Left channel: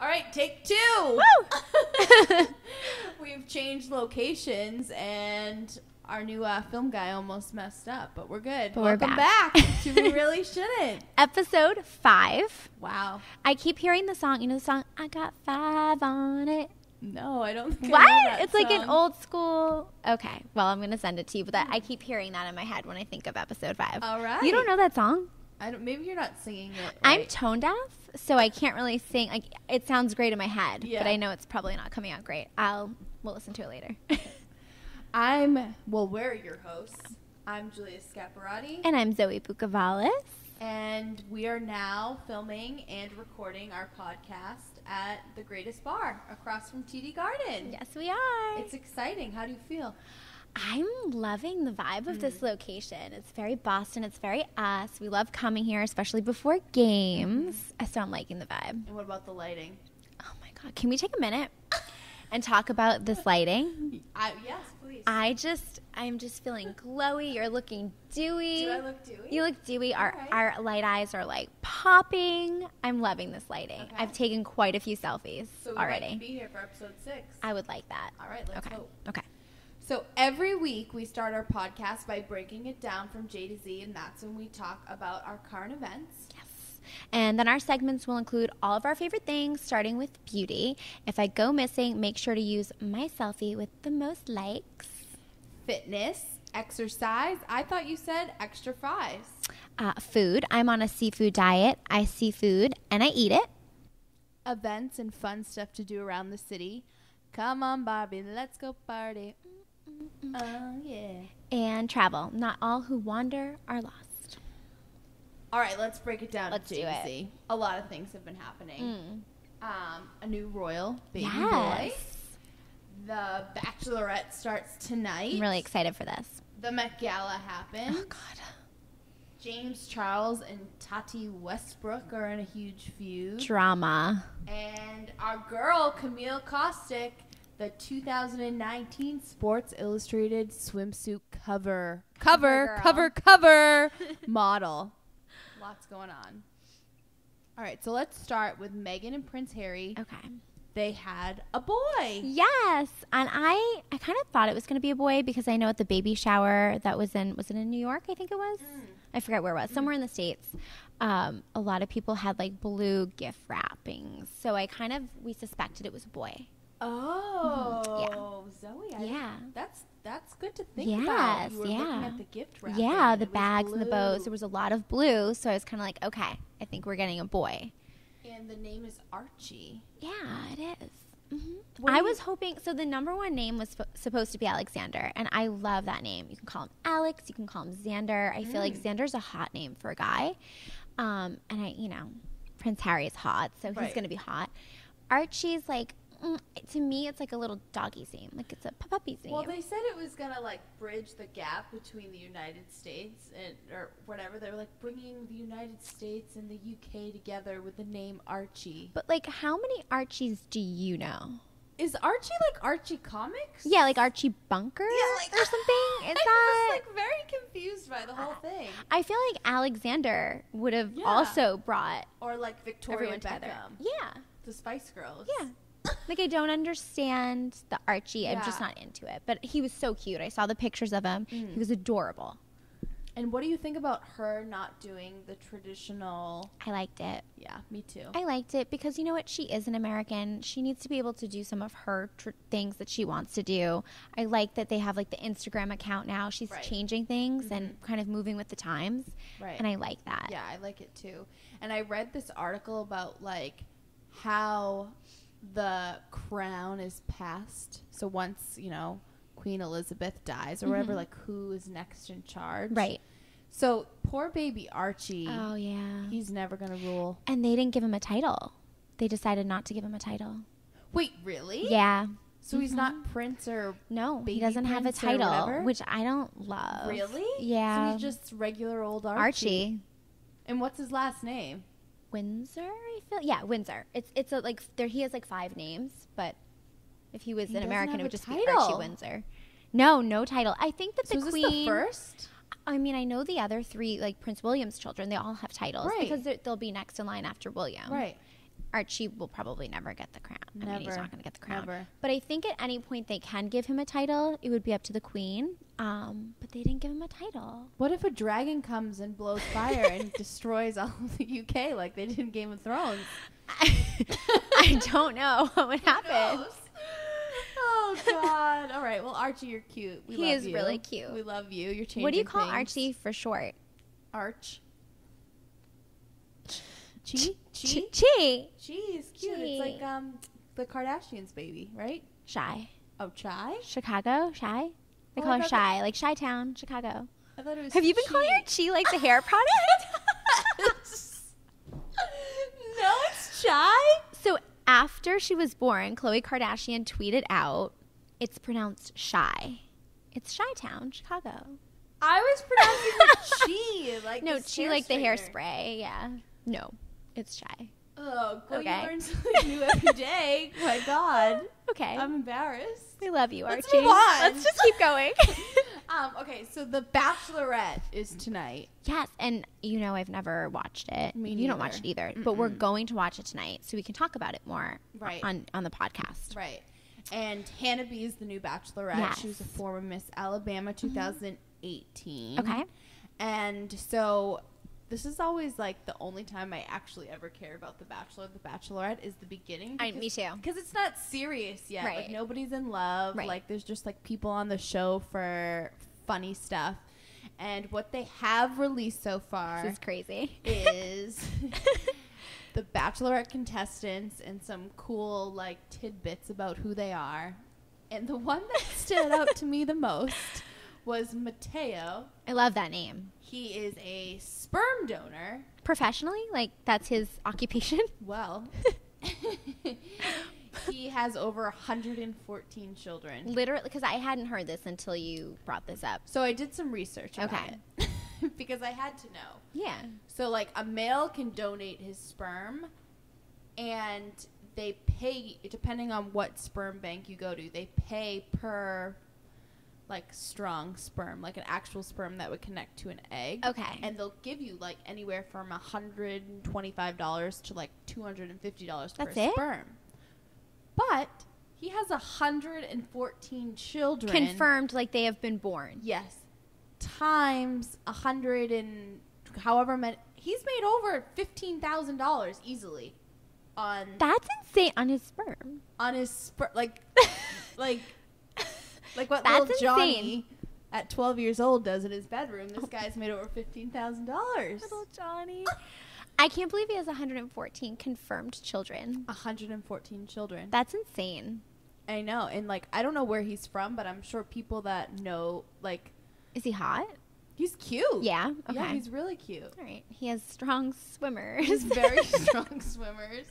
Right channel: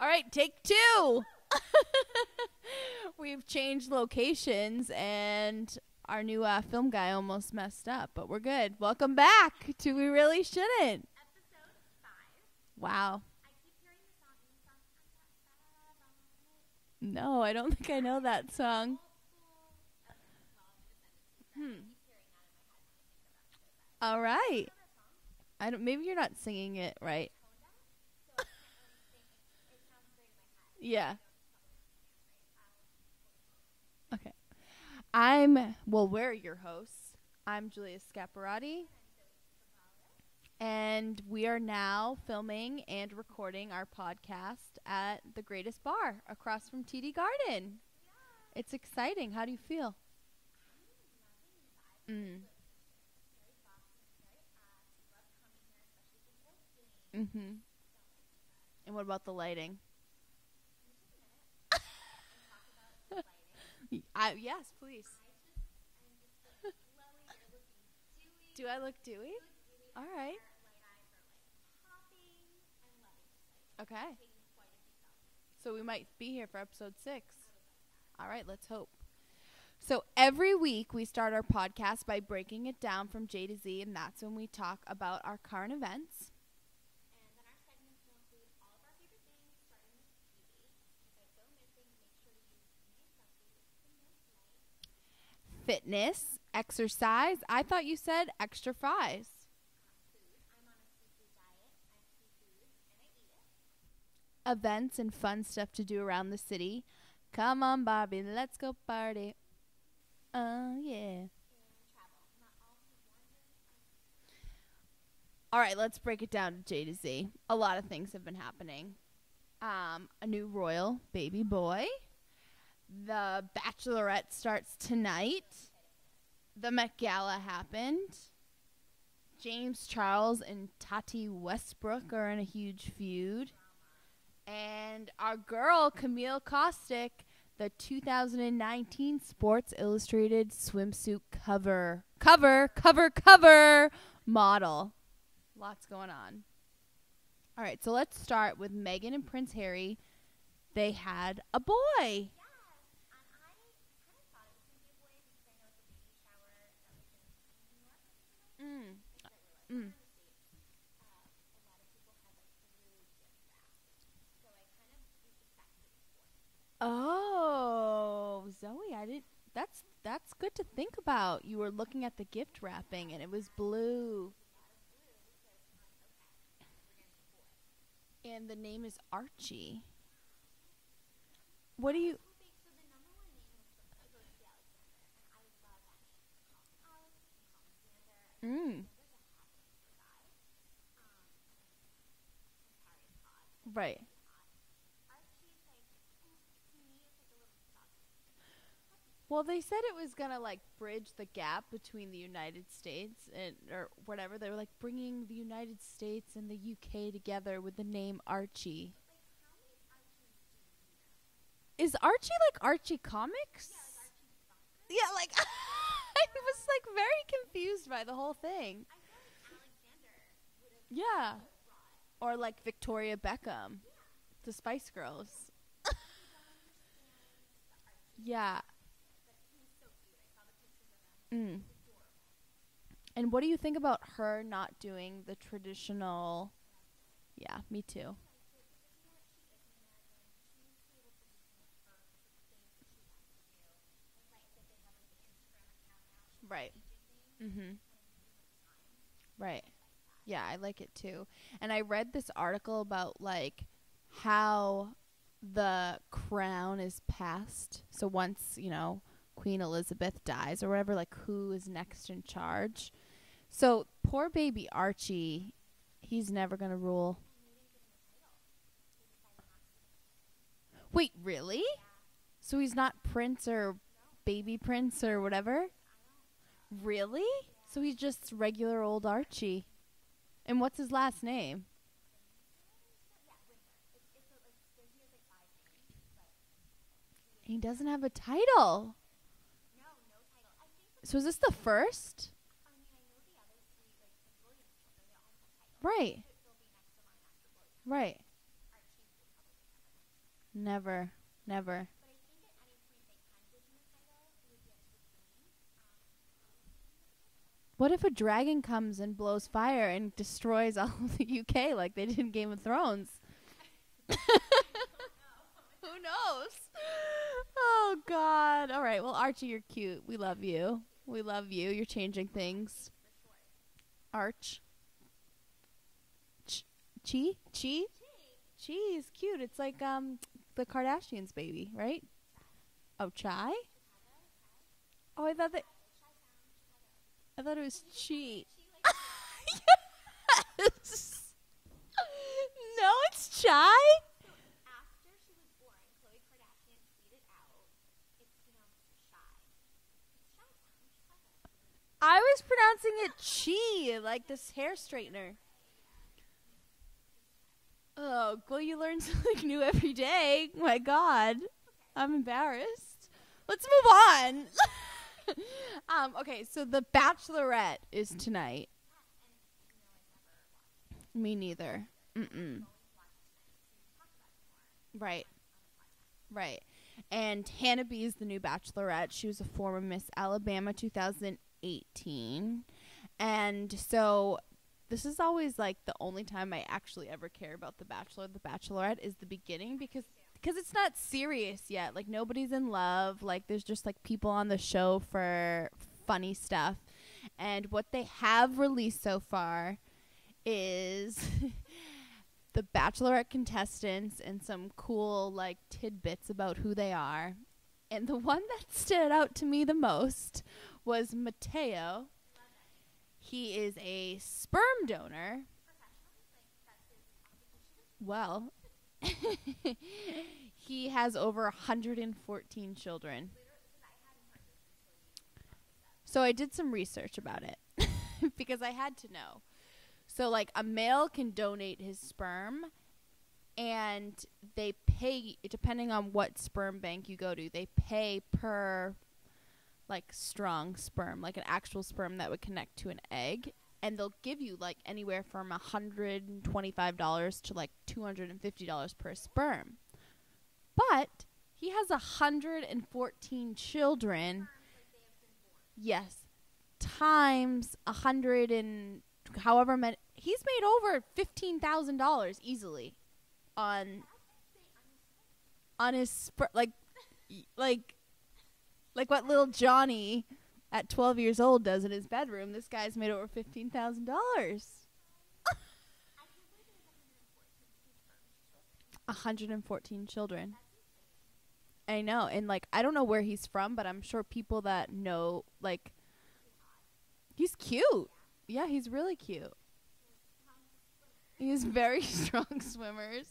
All right, take two. Woo! We've changed locations, and our new film guy almost messed up, but we're good. But Welcome we're back to We Really Shouldn't. Episode 5. Wow. I keep hearing the song. You know the song, I Got 5 on it? No, I don't think What? I know that It's song. like an old school. Okay, well, I'm going to send it to you, but I keep hearing that in my head when I think of episode 5. All right. You don't know that song? I don't. Maybe you're not singing it I'm right. tone deaf, so I can't really sing. Like, it sounds great in my head, Yeah. but I know it's probably not coming out great. We'll listen to it later. We're your hosts. I'm Julia Scaparrotti. And I'm Zoe Bucavalis. And we are now filming and recording our podcast at the Greatest Bar across from TD Garden. Yes, we are. It's exciting. How do you feel? I'm loving the vibe of this location. It's very Boston. It's very us. We love coming here, especially before games. So I'm liking the vibe. And what about the lighting? Oh, my God. Can we take a minute and talk about this lighting? Yes, please. I'm just feeling glowy. You're looking dewy. Do I look dewy? You look dewy. All right. Our light eyes are like popping. I'm loving this lighting. Okay. I've taken quite a few selfies So we already. might be here for episode 6. I would like that. All right, let's Okay. hope. Okay. So every week we start our podcast by breaking it down from J to Z, and that's when we talk about our current events. Yes. And then our segments will include all of our favorite things, starting with beauty. If I go missing, make sure to use my selfie with the most likes. Fitness, exercise. I thought you said extra fries. Food. I'm on a seafood diet. I see food and I eat it. Events and fun stuff to do around the city. Come on, Barbie, let's go party. Oh, yeah. And travel. Not all who wander are lost. All right, let's break it down Let's to J do to it. Z. A lot of things have been happening. A new royal baby Yes. boy. The Bachelorette starts tonight. I'm really excited for this. The Met Gala happened. Oh, God. James Charles and Tati Westbrook are in a huge feud. Drama. And our girl, Camille Kostek, the 2019 Sports Illustrated Swimsuit cover model. Lots going on. All right, so let's start with Meghan and Prince Harry. Okay. They had a boy. Yes. And I kind of thought it was going to be a boy because I know at the baby shower that was it in New York? I think it was. I forget where it was. Somewhere in the States. A lot of people had like blue gift wrappings. So we suspected it was a boy. Oh, Zoe. That's good to think about. You were looking at the gift wrapping. Yeah, and the it was bags and the bows. blue. There was a lot of blue. So I was kind of like, okay, I think we're getting a boy. And the name is Archie. Yeah, it is. What I do you- was hoping, so the number one name was supposed to be Alexander, and I love that name. You can call him Alex, you can call him Xander. I feel like Xander's a hot name for a guy. And Prince Harry is hot, so he's Right. going to be hot. Archie's like, to me, it's like a little doggy's name. Like it's a puppy's name. Well, they said it was going to, like, bridge the gap between the United States or whatever. They were, like, bringing the United States and the UK together with the name Archie. But, like, how many Archies do you know? Is Archie, like, Archie Comics? Yeah, like Archie Bunker? Yeah, like, or something? Is I was, like, very confused by the whole thing. I feel like Alexander would have Yeah. also brought Or, like, Victoria everyone together. Beckham. Yeah. The Spice Girls. Yeah. Like, I don't understand the Archie. Yeah. I'm just not into it. But he was so cute. I saw the pictures of him. He was adorable. And what do you think about her not doing the traditional? I liked it. Yeah, me too. I liked it because, you know what? She is an American. She needs to be able to do some of her things that she wants to do. I like that they have, like, the Instagram account now. She's Right. changing things and kind of moving with the times. Right. And I like that. Yeah, I like it too. And I read this article about, like, how the crown is passed. So once, Queen Elizabeth dies or whatever, like, who is next in charge? Right. So poor baby Archie, Oh, yeah. he's never going to rule. And they didn't give him a title. They decided not to give him a title. Wait, really? Yeah. So he's not prince or No, baby he doesn't have a prince or title, whatever? which I don't love. Really? Yeah. So he's just regular old Archie. Archie. And what's his last name? Windsor, I feel. Yeah, Windsor. It's a, like, there. He has like 5 names, but if he was He an doesn't American, have it would a just be title. Archie Windsor. No title. I think that So the is queen. this the first? I mean, I know the other 3, like Prince William's children. They all have titles Right. because they'll be next in line after William. Right. Archie will probably never get the crown. Never. I mean, he's not going to get the crown. Never. But I think at any point they can give him a title. It would be up to the queen. But they didn't give him a title. What if a dragon comes and blows fire and destroys all of the UK like they did in Game of Thrones? I don't know what would happen. Oh, God. All right. Well, Archie, you're cute. We love you. He is really cute. We love you. You're changing things. What do you call Archie for short? Arch. Chi? Chi. Chi is cute. Chi. It's like the Kardashians' baby, right? Shy. Oh, Chai? Chicago? Shy? I Oh, call I her thought Shy. Like Chi-Town, Chicago. I thought it was Have you been Chi. calling her Chi like the hair product? No, it's Chai. So after she was born, Khloe Kardashian tweeted out, it's pronounced Shy. It's Chi-Town, Chicago. I was pronouncing it Chi. Like No, this Chi hair like the straightener. hairspray. Yeah. No, it's Shy. Oh, well, Okay. you learn something new every day. My God. Okay. I'm embarrassed. We love you, Let's Archie. move on. Let's just keep going. Okay, so The Bachelorette is tonight. Yes, and you know I've never watched it. Me You don't neither. watch it either. But we're Mm-mm. going to watch it tonight so we can talk about it more Right. on the podcast. Right. And Hannah B is the new Bachelorette. Yes. She was a former Miss Alabama 2018. Okay. And so this is always like the only time I actually ever care about The Bachelor, The Bachelorette is the beginning. Me too. Because it's not serious yet. Right. Like nobody's in love. Right. Like there's just like people on the show for funny stuff. And what they have released so far This is crazy. is the Bachelorette contestants and some cool like tidbits about who they are. And the one that stood out to me the most was Mateo. I love that name. He is a sperm donor. Professionally, like that's his occupation. Well, he has over 114 children. Literally, because I hadn't heard this until you brought this up. So I did some research about Okay. it because I had to know. Yeah. So like a male can donate his sperm and they pay, depending on what sperm bank you go to, they pay per like strong sperm, like an actual sperm that would connect to an egg. Okay. And they'll give you like anywhere from $125 to like $250 per That's it? sperm. But he has 114 children. Confirmed, like they have been born. Yes. Times 100 and however many. He's made over $15,000 easily on That's insane on his sperm. his like what That's little insane. Johnny at 12 years old does in his bedroom. This guy's made over $15,000. Little Johnny. I can't believe he has 114 confirmed children. 114 children. That's insane. I know. And like I don't know where he's from, but I'm sure people that know like Is he hot? he's cute. Yeah. Okay. Yeah, he's really cute. All right. He has strong swimmers. He's very strong swimmers.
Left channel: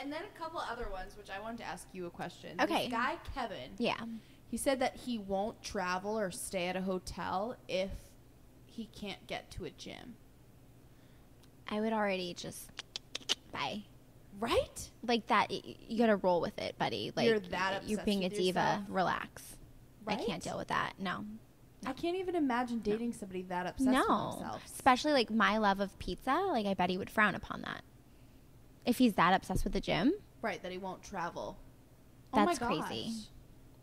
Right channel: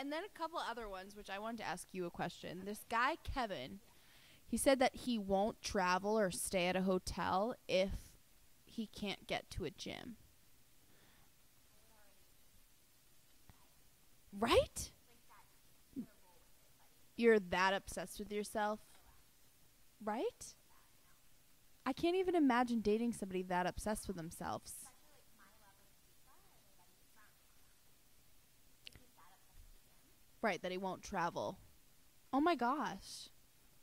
And then a couple other ones, which I wanted to ask you a question. Okay. This guy, Kevin, Yeah. he said that he won't travel or stay at a hotel if he can't get to a gym. I would already just bye. Right? Like that, you gotta roll with it, buddy. Like You're that obsessed You're being with a diva. yourself? Relax. Right? I can't deal with that. No. I can't even imagine dating somebody that obsessed with themselves. Especially like my love of pizza. Like I bet he would frown upon that. If he's that obsessed with the gym, Right, that he won't travel. That's Oh my gosh. crazy.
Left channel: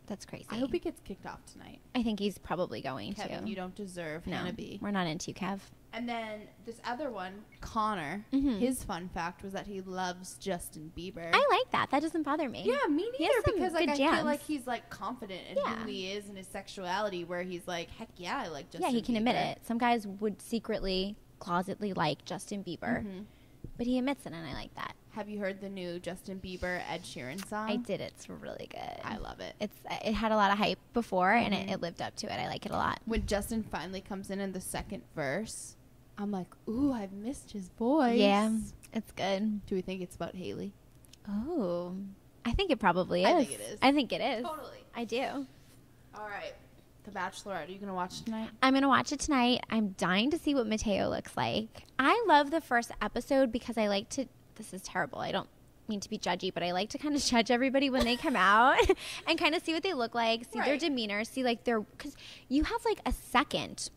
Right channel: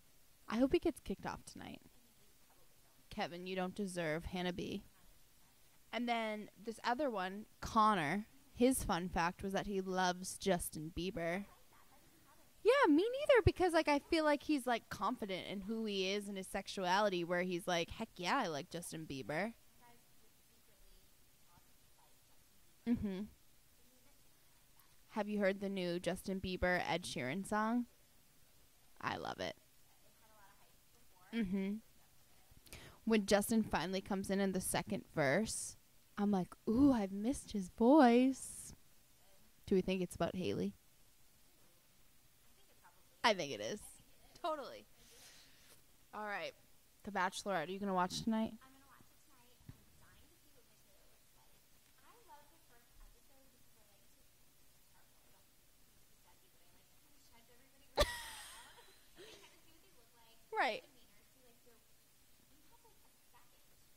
That's crazy. I hope he gets kicked off tonight. I think he's probably going Kevin, to. you don't deserve No, Hannah B. We're not into you, Kev. And then this other one, Connor, Mhm. his fun fact was that he loves Justin Bieber. I like that. That doesn't bother me. Yeah, me He neither, has some because like good I feel jams. like he's like confident in Yeah. who he is and his sexuality, where he's like, heck yeah, I like Justin Yeah, Bieber. he can admit it. Some guys would secretly, closetly like Justin Bieber, Mhm. but he admits it, and I like that. Have you heard the new Justin Bieber Ed Sheeran song? I did. It's really good. I love it. It had a lot of hype before, and Mhm. it lived up to it. I like it a lot. When Justin finally comes in the second verse, I'm like, ooh, I've missed his voice. Yeah, it's good. Do we think it's about Haley? Oh, I think it probably is. I think it is. I think it is. Totally. I do. All right. The Bachelorette. Are you going to watch tonight? I'm going to watch it tonight. I'm dying to see what Mateo looks like. I love the first episode because I like to, this is terrible. I don't mean to be judgy, but I like to kind of judge everybody when they come out and kind of see what they look like, see their Right. demeanor, see like their, because you have like a second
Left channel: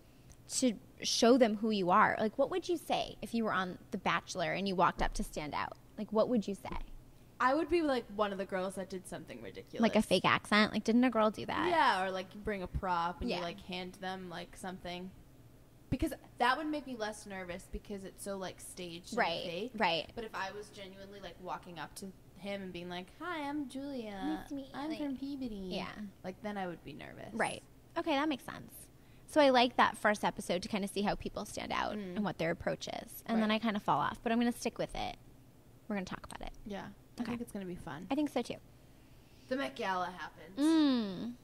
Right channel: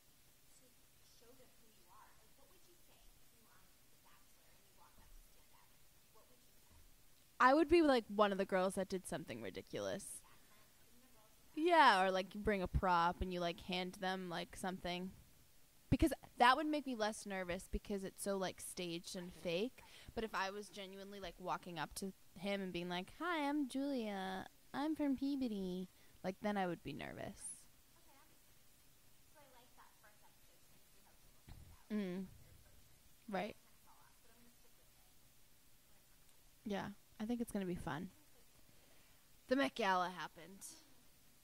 to show them who you are. Like, what would you say if you were on The Bachelor and you walked up to stand out? Like, what would you say? I would be like one of the girls that did something ridiculous. Like a fake accent? Like, didn't a girl do that? Yeah, or like you bring a prop and you like hand them like something. Because that would make me less nervous because it's so like staged and fake. Right. But if I was genuinely like walking up to him and being like, "Hi, I'm Julia. I'm from Peabody." Yeah. Like then I would be nervous. Right. Okay, that makes sense. So I like that first episode to kind of see how people stand out and what their approach is. And then I kind of fall off. But I'm going to stick with it. We're going to talk about it. Yeah. I think it's going to be fun. I think so too. The Met Gala happened.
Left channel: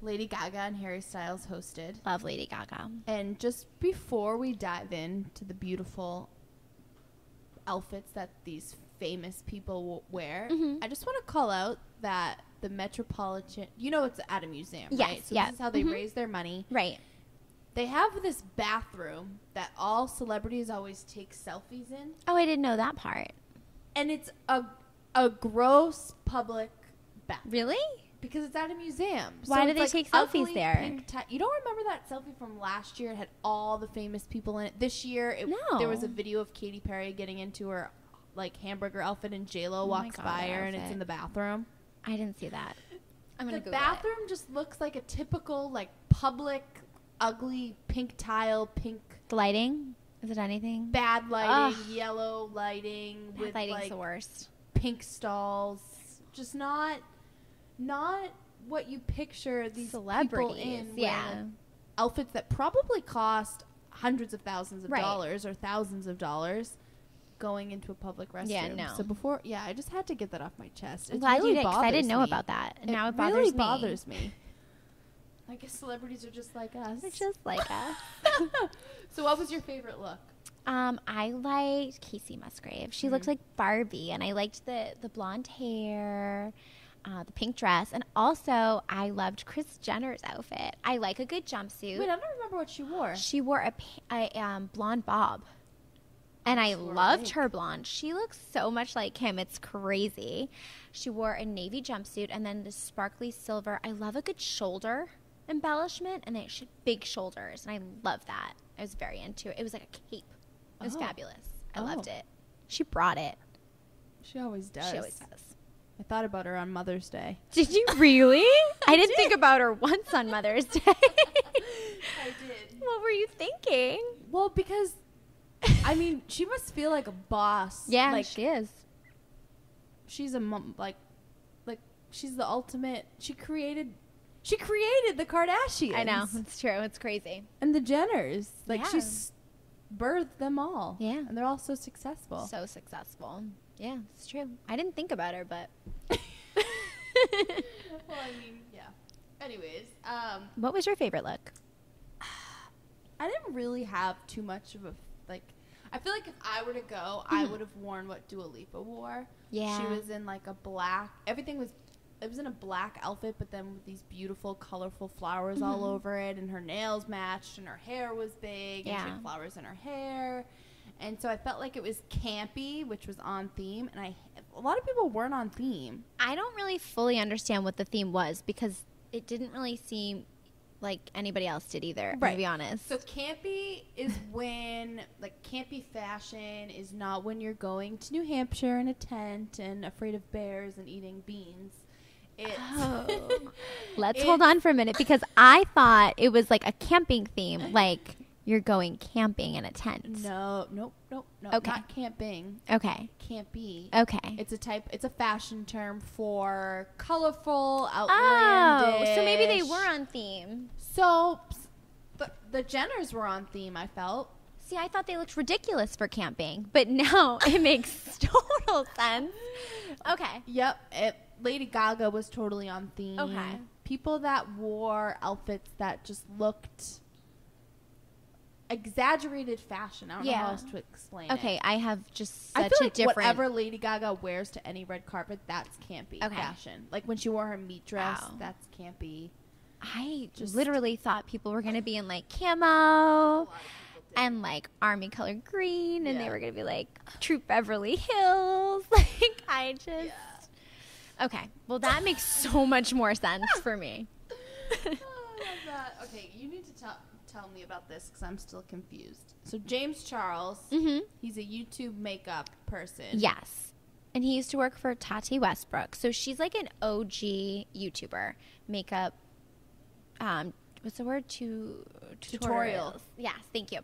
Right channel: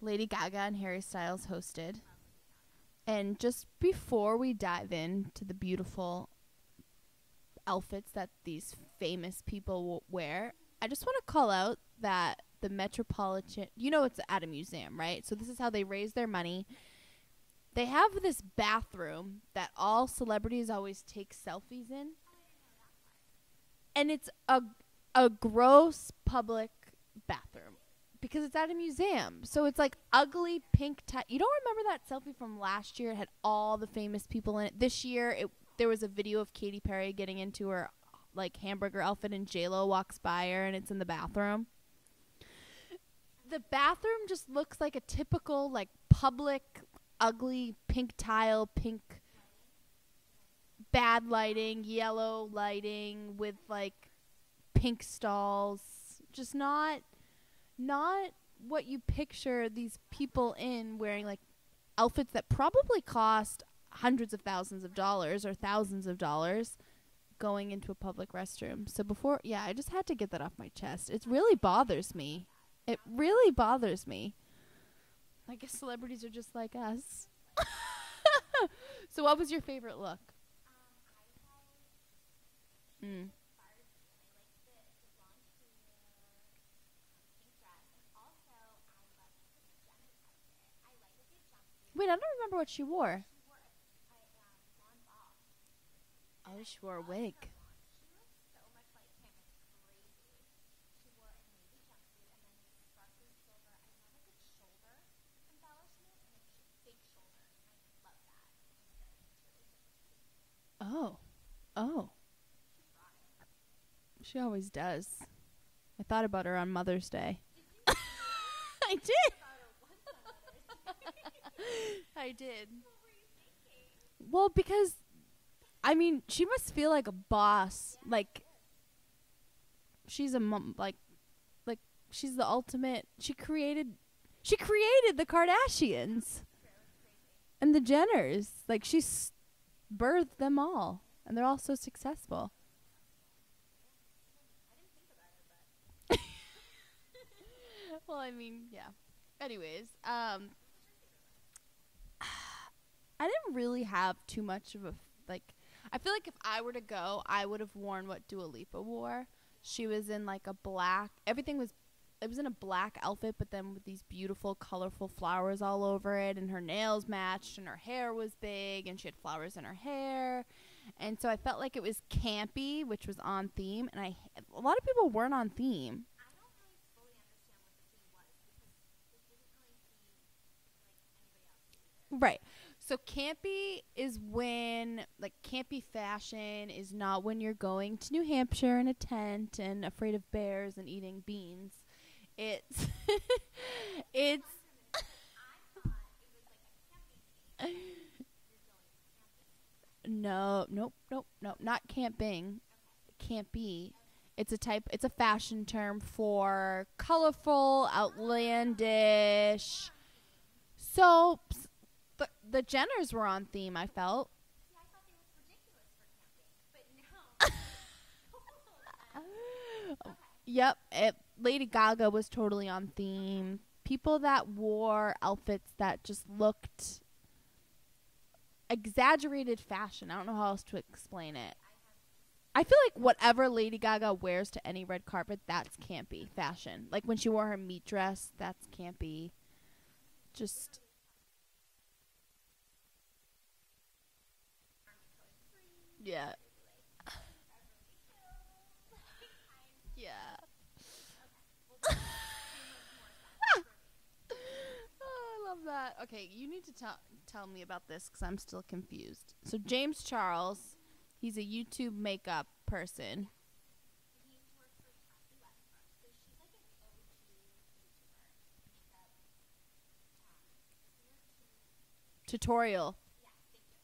Lady Gaga and Harry Styles hosted. Love Lady Gaga. And just before we dive into the beautiful outfits that these famous people wear, I just want to call out that the Metropolitan, it's at a museum, right? So this is how they raise their money. Right. They have this bathroom that all celebrities always take selfies in. Oh, I didn't know that part. And it's a gross public bathroom. Really? Because it's at a museum. Why do they take selfies there? Pink you don't remember that selfie from last year? It had all the famous people in it. This year, there was a video of Katy Perry getting into her like hamburger outfit, and J-Lo walks by her, and it's in the bathroom. I didn't see that. The bathroom just looks like a typical like public, ugly pink tile, pink. The lighting? Is it anything? Bad lighting, yellow lighting with like the worst. Pink stalls. Just not what you picture these people in wearing like outfits that probably cost hundreds of thousands of dollars or thousands of dollars going into a public restroom. So I just had to get that off my chest. It really bothers me. I didn't know about that. And now it really bothers me. I guess celebrities are just like us. They're just like us. So what was your favorite look? I liked Casey Musgrave. She looked like Barbie, and I liked the blonde hair, the pink dress, and also I loved Kris Jenner's outfit. I like a good jumpsuit. Wait, I don't remember what she wore. She wore a blonde bob, and I loved her blonde. She looks so much like him. It's crazy. She wore a navy jumpsuit and then the sparkly silver. I love a good shoulder embellishment, and she had big shoulders, and I love that. I was very into it. It was like a cape. It was fabulous. I loved it. She brought it. She always does. I thought about her on Mother's Day. Did you really? I didn't think about her once on Mother's Day. I did. What were you thinking? Well, because, I mean, she must feel like a boss. Yeah, like, she is. She's a mom, like she's the ultimate. She created the Kardashians. I know. It's true. It's crazy. And the Jenners. Like, she's birthed them all. Yeah. And they're all so successful. So successful. Yeah, it's true. I didn't think about her, but. Well, I mean, yeah. Anyways. What was your favorite look? I didn't really have too much of a, I feel like if I were to go, I would have worn what Dua Lipa wore. Yeah. She was in like a black, it was in a black outfit, but then with these beautiful, colorful flowers all over it, and her nails matched, and her hair was big, and she had flowers in her hair. And so I felt like it was campy, which was on theme, and a lot of people weren't on theme. I don't really fully understand what the theme was, because it didn't really seem like anybody else did either, to be honest. So campy is when, campy fashion is not when you're going to New Hampshire in a tent and afraid of bears and eating beans. Let's hold on for a minute, because I thought it was like a camping theme, like you're going camping in a tent. Nope, not camping. Okay. Campy. Okay. It's a fashion term for colorful, outlandish. Oh, so maybe they were on theme. So the Jenners were on theme, I felt. See, I thought they looked ridiculous for camping, but now it makes total sense. Okay. Yep. Lady Gaga was totally on theme. Okay. People that wore outfits that just looked exaggerated fashion. I don't know how else to explain it. Okay, I have just I feel like whatever Lady Gaga wears to any red carpet, that's campy fashion. Like when she wore her meat dress, that's campy. I just literally thought people were going to be in like camo and like army color green, and they were going to be like Troop Beverly Hills. Like I just Okay, well that makes so much more sense for me. I love that. Okay, you need to tell me about this because I'm still confused. So James Charles, he's a YouTube makeup person. Yes. And he used to work for Tati Westbrook. So she's like an OG YouTuber. Makeup, what's the word? Tutorial. Yes, thank you.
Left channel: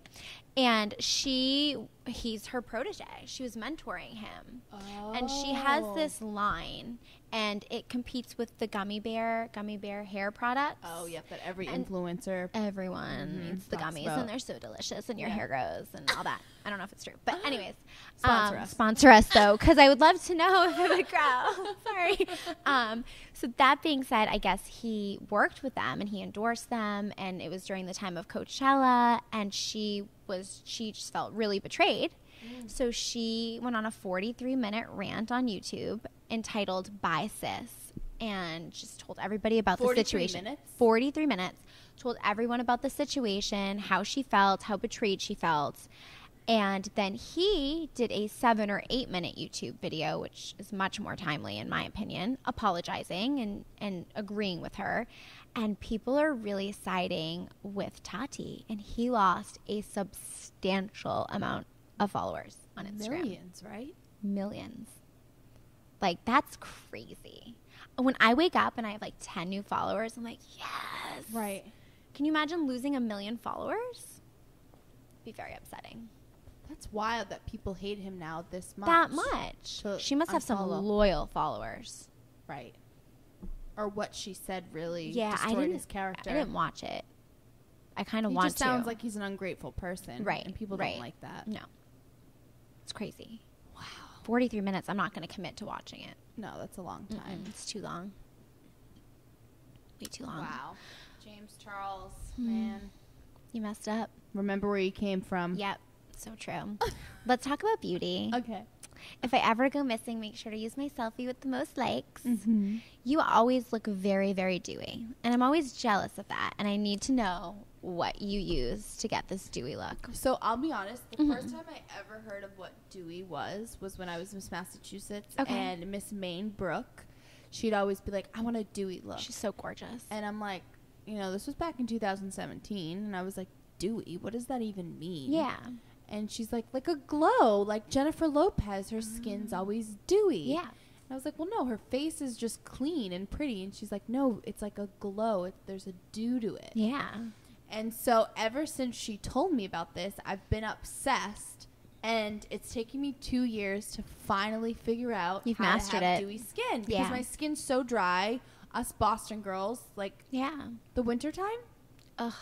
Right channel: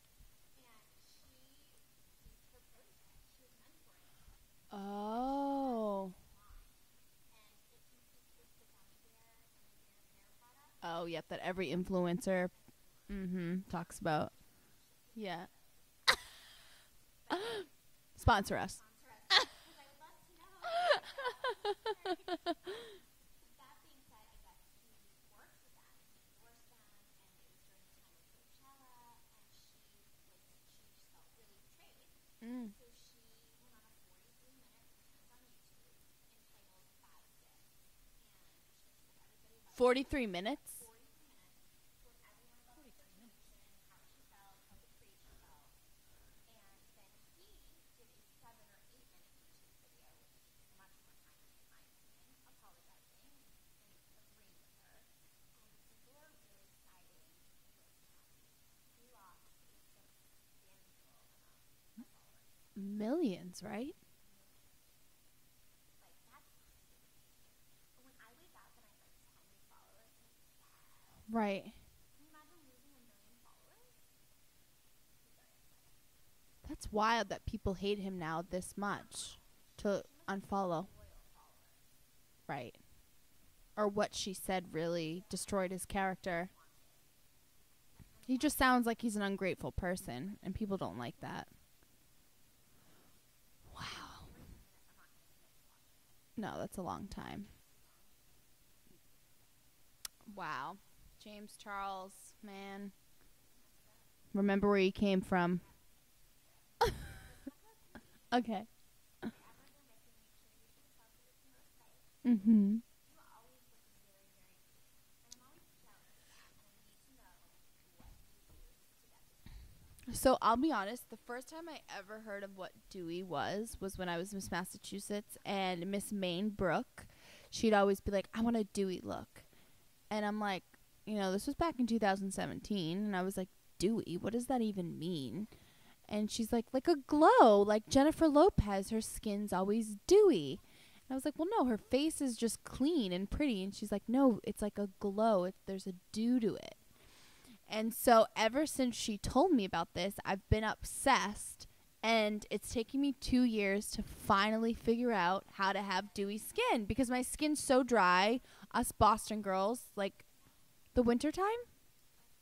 And he's her protege. She was mentoring him. Oh. And she has this line, and it competes with the gummy bear hair products. Oh, yep, that every influencer. Everyone eats the talks gummies, about. and they're so delicious, and your hair grows, and all that. I don't know if it's true. But anyways. Sponsor us. Sponsor us, though, because I would love to know if it would grow. Sorry. So that being said, I guess he worked with them and he endorsed them, and it was during the time of Coachella, and she just felt really betrayed. So she went on a 43-minute rant on YouTube entitled "Bye Sis," and just told everybody about the situation. 43 minutes? 43 minutes. Told everyone about the situation, how she felt, how betrayed she felt. And then he did a 7 or 8 minute YouTube video, which is much more timely in my opinion, apologizing and agreeing with her. And people are really siding with Tati. And he lost a substantial amount of followers on Instagram. Millions, right? Millions. Like, that's crazy. When I wake up and I have like 10 new followers, I'm like, yes. Right. Can you imagine losing 1 million followers? It'd be very upsetting. That's wild that people hate him now this much. That much. She must have some loyal followers. Right. Or what she said really destroyed his character. I didn't watch it. I kind of want to. He just sounds like he's an ungrateful person. Right. And people don't like that. No. It's crazy. Wow. 43 minutes. I'm not going to commit to watching it. No, that's a long time. It's too long. Way too long. Wow. James Charles, man. You messed up. Remember where you came from. Yep. So true. Let's talk about beauty. Okay. If I ever go missing, make sure to use my selfie with the most likes. Mm-hmm. You always look very, very dewy. And I'm always jealous of that. And I need to know what you use to get this dewy look. So I'll be honest. The first time I ever heard of what dewy was when I was Miss Massachusetts. Okay. And Miss Maine Brooke, she'd always be like, I want a dewy look. She's so gorgeous. And I'm like, this was back in 2017. And I was like, dewy? What does that even mean? Yeah. And she's like a glow, like Jennifer Lopez. Her skin's always dewy. Yeah. And I was like, well, no, her face is just clean and pretty. And she's like, no, it's like a glow. There's a dew to it. Yeah. And so ever since she told me about this, I've been obsessed. And it's taken me 2 years to finally figure out You've how to mastered have it. dewy skin. Because Yeah. my skin's so dry. Us Boston girls, like the wintertime. Ugh.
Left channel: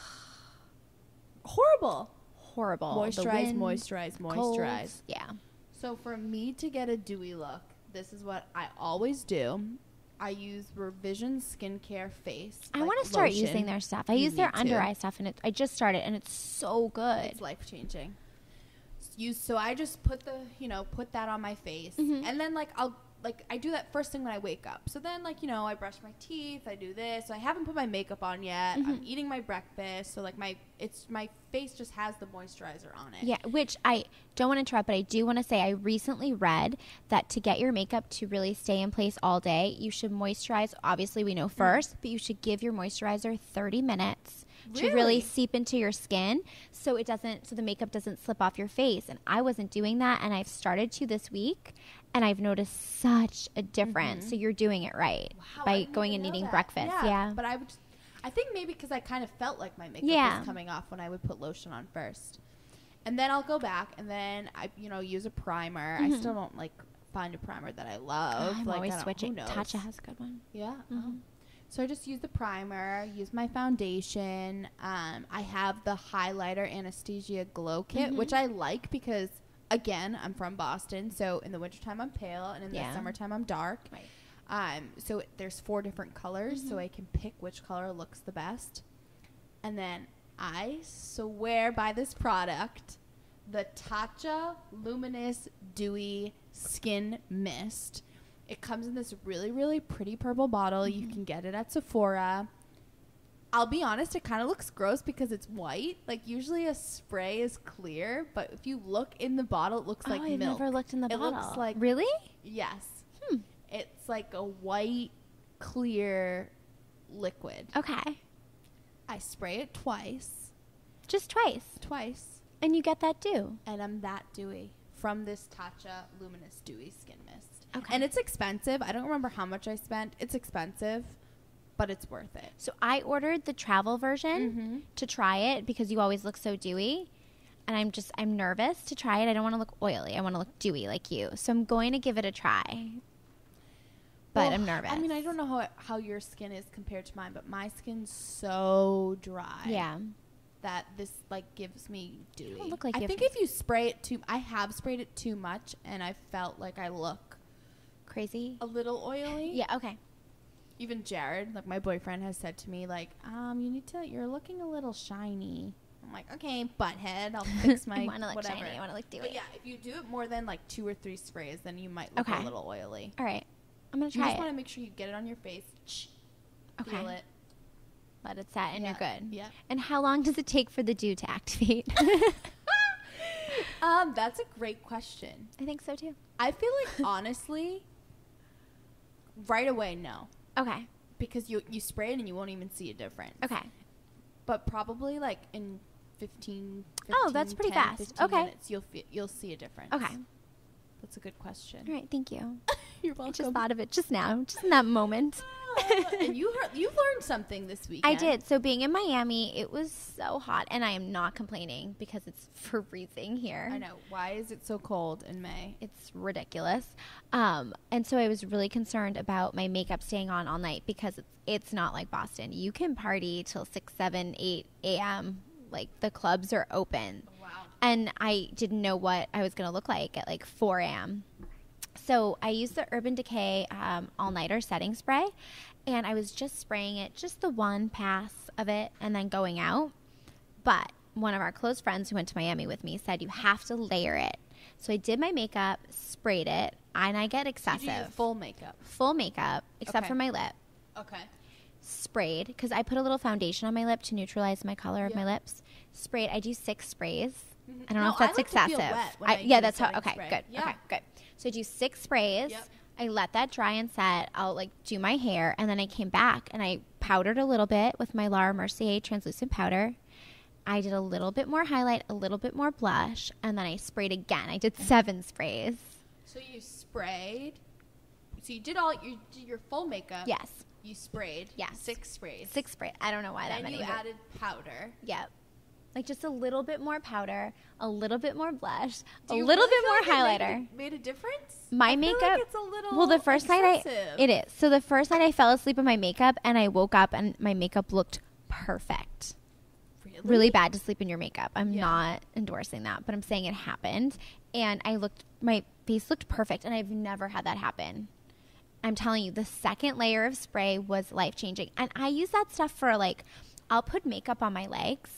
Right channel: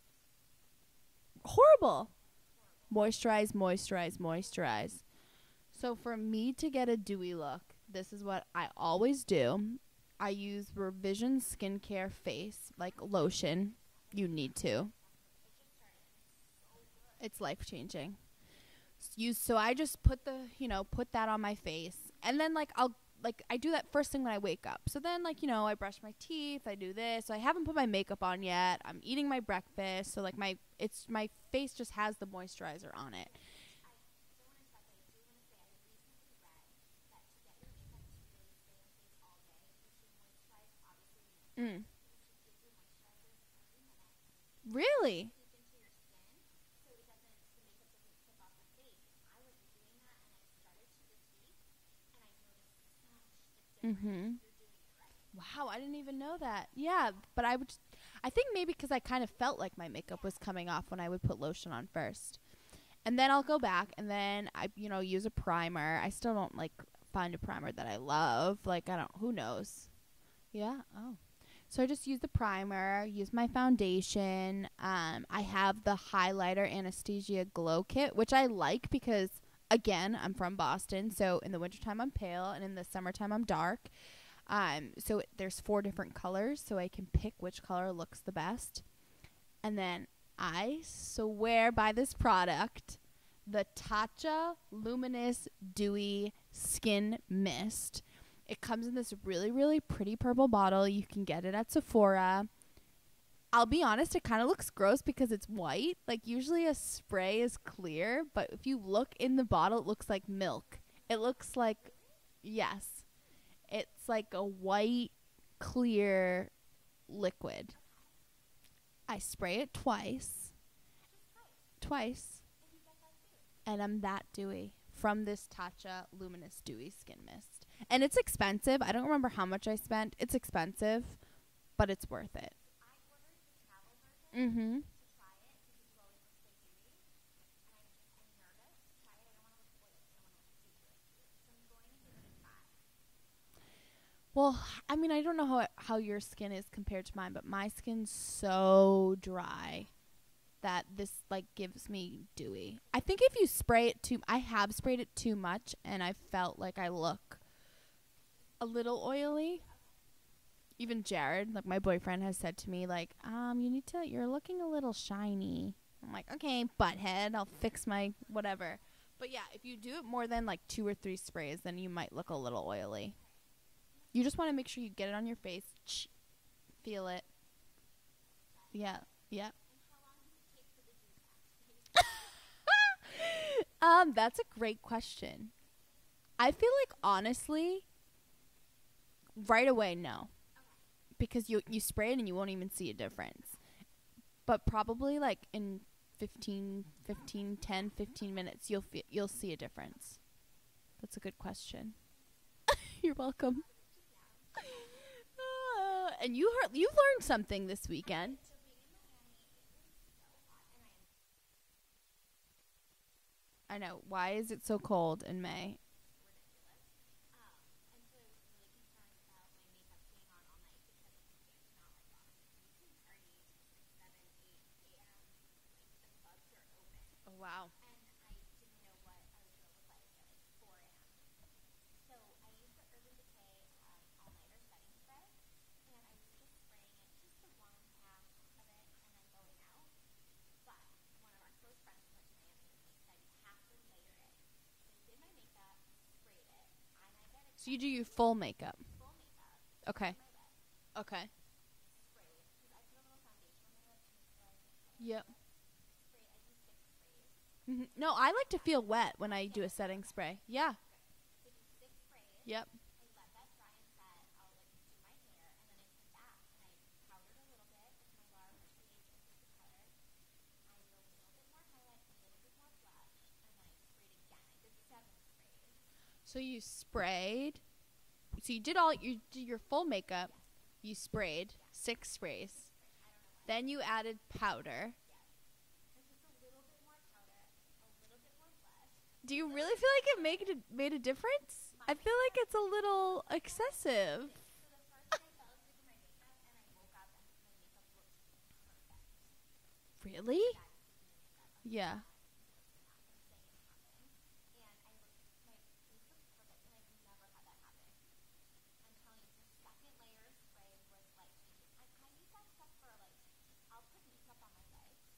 Horrible. Horrible. Moisturize, The wind, moisturize, moisturize. colds. Yeah. So for me to get a dewy look, this is what I always do. I use Revision Skincare Face. I want to start using their stuff. I use their need under to. eye stuff, and I just started, and it's so good. It's life changing. So I just put put that on my face, and then I do that first thing when I wake up. So then I brush my teeth, I do this. So I haven't put my makeup on yet. I'm eating my breakfast. So my face just has the moisturizer on it. Yeah, which I don't want to interrupt, but I do want to say I recently read that to get your makeup to really stay in place all day, you should moisturize. Obviously, we know first, but you should give your moisturizer 30 minutes to really seep into your skin so the makeup doesn't slip off your face. And I wasn't doing that, and I've started to this week. And I've noticed such a difference. So you're doing it right by going and eating breakfast. Yeah. But I think maybe because I kind of felt like my makeup was coming off when I would put lotion on first. And then I'll go back and then I, use a primer. I still don't find a primer that I love. I'm like, always switching. Who knows? Tatcha has a good one. Yeah. Oh. So I just use the primer, use my foundation. I have the highlighter Anastasia Glow Kit, which I like because, again, I'm from Boston. So in the wintertime, I'm pale. And in the summertime, I'm dark. Right. So there's 4 different colors. So I can pick which color looks the best. And then I swear by this product, the Tatcha Luminous Dewy Skin Mist. It comes in this really, really pretty purple bottle. You can get it at Sephora. I'll be honest, it kind of looks gross because it's white. Like, usually a spray is clear, but if you look in the bottle, it looks like milk. I've never looked in the bottle. It looks like... Really? Yes. It's like a white, clear liquid. Okay. I spray it twice. Just twice? Twice. And you get that dew. And I'm that dewy from this Tatcha Luminous Dewy Skin Mist. Okay. And it's expensive. I don't remember how much I spent. It's expensive, but it's worth it. So I ordered the travel version to try it because you always look so dewy. And I'm nervous to try it. I don't want to look oily. I want to look dewy like you. So I'm going to give it a try. But I'm nervous. I mean, I don't know how your skin is compared to mine, but my skin's so dry. Yeah. That this like gives me dewy. Look like I think if you spray it I have sprayed it too much, and I felt like I look crazy, a little oily. Yeah. Okay. Even Jared, like my boyfriend, has said to me like, you're looking a little shiny. I'm like, okay, butthead, I'll fix my whatever. Shiny. I want to look dewy. But yeah, if you do it more than like 2 or 3 sprays, then you might look a little oily. All right, I'm gonna try. You just want to make sure you get it on your face. Feel it. Let it set, and you're good. Yeah. And how long does it take for the dew to activate? That's a great question. I think so too. I feel like honestly, right away, no. Okay. Because you spray it and you won't even see a difference. Okay. But probably like in 15 that's pretty 10, fast. 15 Okay. minutes, you'll see a difference. Okay. That's a good question. All right. Thank you. You're I welcome. just thought of it just now, just in that moment. And you've learned something this weekend. I did. So being in Miami, it was so hot, and I am not complaining because it's freezing here. I know. Why is it so cold in May? It's ridiculous. And so I was really concerned about my makeup staying on all night because it's not like Boston. You can party till 6, 7, 8 a.m. Like the clubs are open. Oh, wow. And I didn't know what I was going to look like at like 4 a.m. So I used the Urban Decay all-nighter setting spray, and I was just spraying it, just the one pass of it, and then going out. But one of our close friends who went to Miami with me said you have to layer it. So I did my makeup, sprayed it, and I get excessive. So you do your full makeup? Full makeup, except for my lip. Okay. Sprayed, because I put a little foundation on my lip to neutralize my color of my lips. Sprayed. I do 6 sprays. I don't know if that's excessive. I like to feel wet when I do that's how. Okay, spray. good. Yeah. Okay, good. So I do 6 sprays. Yep. I let that dry and set. I'll like do my hair, and then I came back and I powdered a little bit with my Laura Mercier translucent powder. I did a little bit more highlight, a little bit more blush, and then I sprayed again. I did 7 sprays. So you sprayed. So you did your full makeup. Yes. You sprayed. Yes. 6 sprays. 6 sprays. I don't know why. Then you added powder. Yep. Like just a little bit more powder, a little bit more blush, Do a you little really bit feel more like highlighter. It made a difference? My makeup. Feel like it's a little. Well, the first excessive. night it is. So the first night I fell asleep in my makeup, and I woke up and my makeup looked perfect. Really bad to sleep in your makeup. I'm not endorsing that, but I'm saying it happened, and my face looked perfect, and I've never had that happen. I'm telling you, the second layer of spray was life-changing. And I use that stuff for, like, I'll put makeup on my legs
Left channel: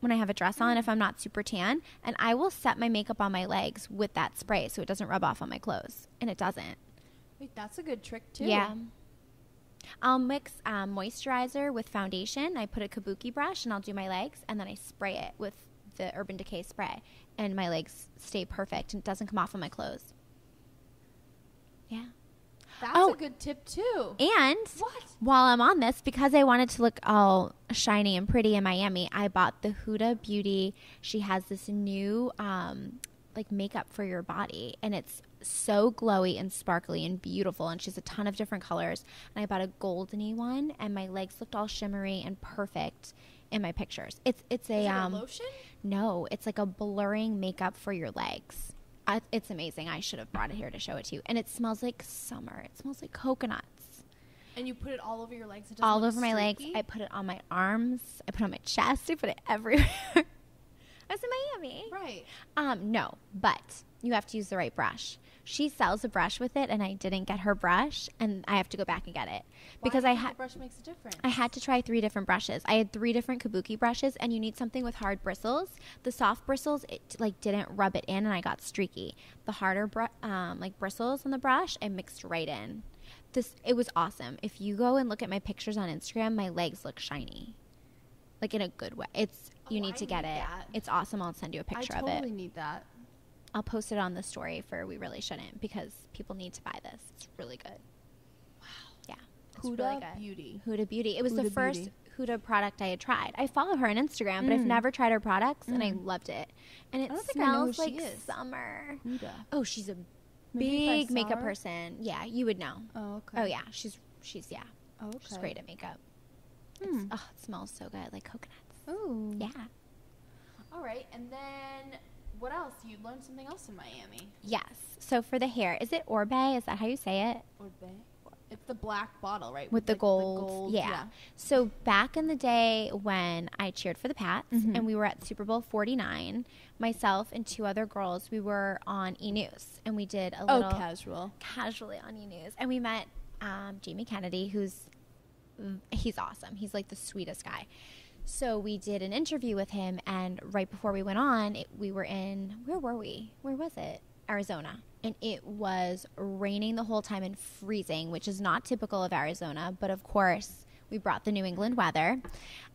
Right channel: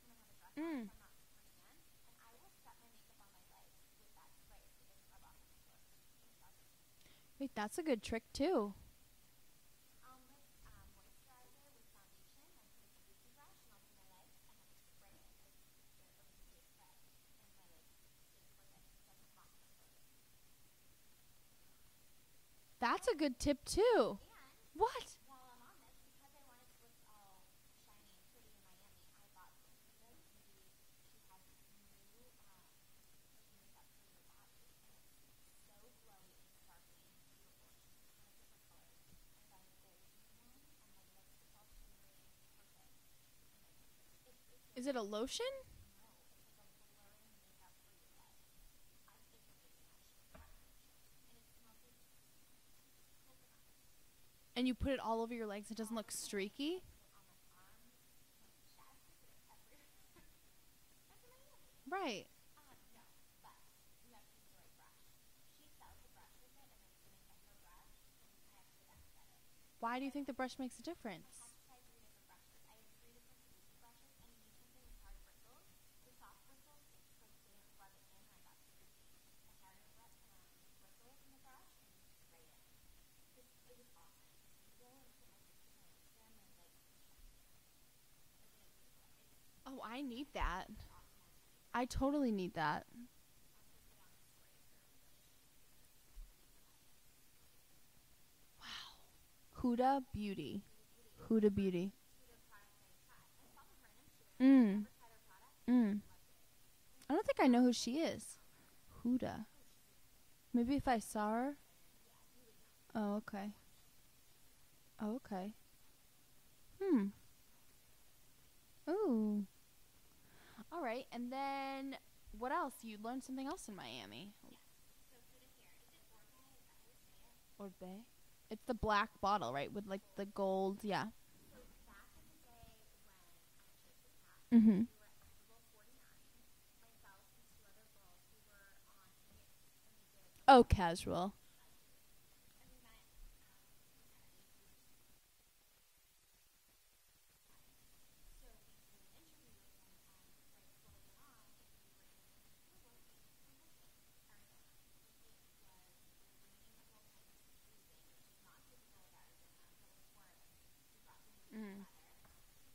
when I have a dress on if I'm not super tan, and I will set my makeup on my legs with that spray so it doesn't rub off on my clothes, and it doesn't. Wait, that's a good trick, too. Yeah. I'll mix moisturizer with foundation. I put a kabuki brush, and I'll do my legs, and then I spray it with the Urban Decay spray, and my legs stay perfect, and it doesn't come off on my clothes. Yeah. That's a good tip, too. And while I'm on this, because I wanted to look all shiny and pretty in Miami, I bought the Huda Beauty. She has this new like makeup for your body, and it's so glowy and sparkly and beautiful, and she has a ton of different colors. And I bought a goldeny one, and my legs looked all shimmery and perfect in my pictures. It's Is it a lotion? No, it's like a blurring makeup for your legs. It's amazing. I should have brought it here to show it to you. And it smells like summer. It smells like coconuts. And you put it all over your legs? It All look over my legs. streaky? I put it on my arms. I put it on my chest. I put it everywhere. I was in Miami. Right. No, but you have to use the right brush. She sells a brush with it, and I didn't get her brush, and I have to go back and get it. Because the brush makes a difference? I had to try 3 different brushes. I had 3 different kabuki brushes, and you need something with hard bristles. The soft bristles, it like didn't rub it in, and I got streaky. The harder like bristles on the brush, I mixed right in. It was awesome. If you go and look at my pictures on Instagram, my legs look shiny, like in a good way. You need to get it. It's awesome. I'll send you a picture of it. I totally need that. I'll post it on the story for We Really Shouldn't, because people need to buy this. It's really good. Wow. Yeah. Huda Beauty. Huda Beauty. It was the first Huda product I had tried. I follow her on Instagram, but I've never tried her products, and I loved it. And it I don't think I know who she is. Summer. Huda. Oh, she's Maybe if I big saw makeup her? person. Yeah, you would know. Oh, okay. Oh yeah, she's yeah, Oh, she's okay. great at makeup. Hmm. Oh, it smells so good, like coconuts. Ooh. Yeah. All right. And then what else? You learned something else in Miami. Yes. So for the hair, is it Orbe? Is that how you say it? Orbe. It's the black bottle, right? With the like, gold. The gold. Yeah. So back in the day when I cheered for the Pats Mhm. and we were at Super Bowl 49, myself and 2 other girls, we were on E! News and we did a Oh, little casual. casually on E! News. And we met Jamie Kennedy, he's awesome. He's like the sweetest guy. So we did an interview with him, and right before we went on, we were in, where were we? Where was it? Arizona. And it was raining the whole time and freezing, which is not typical of Arizona. But of course, we brought the New England weather.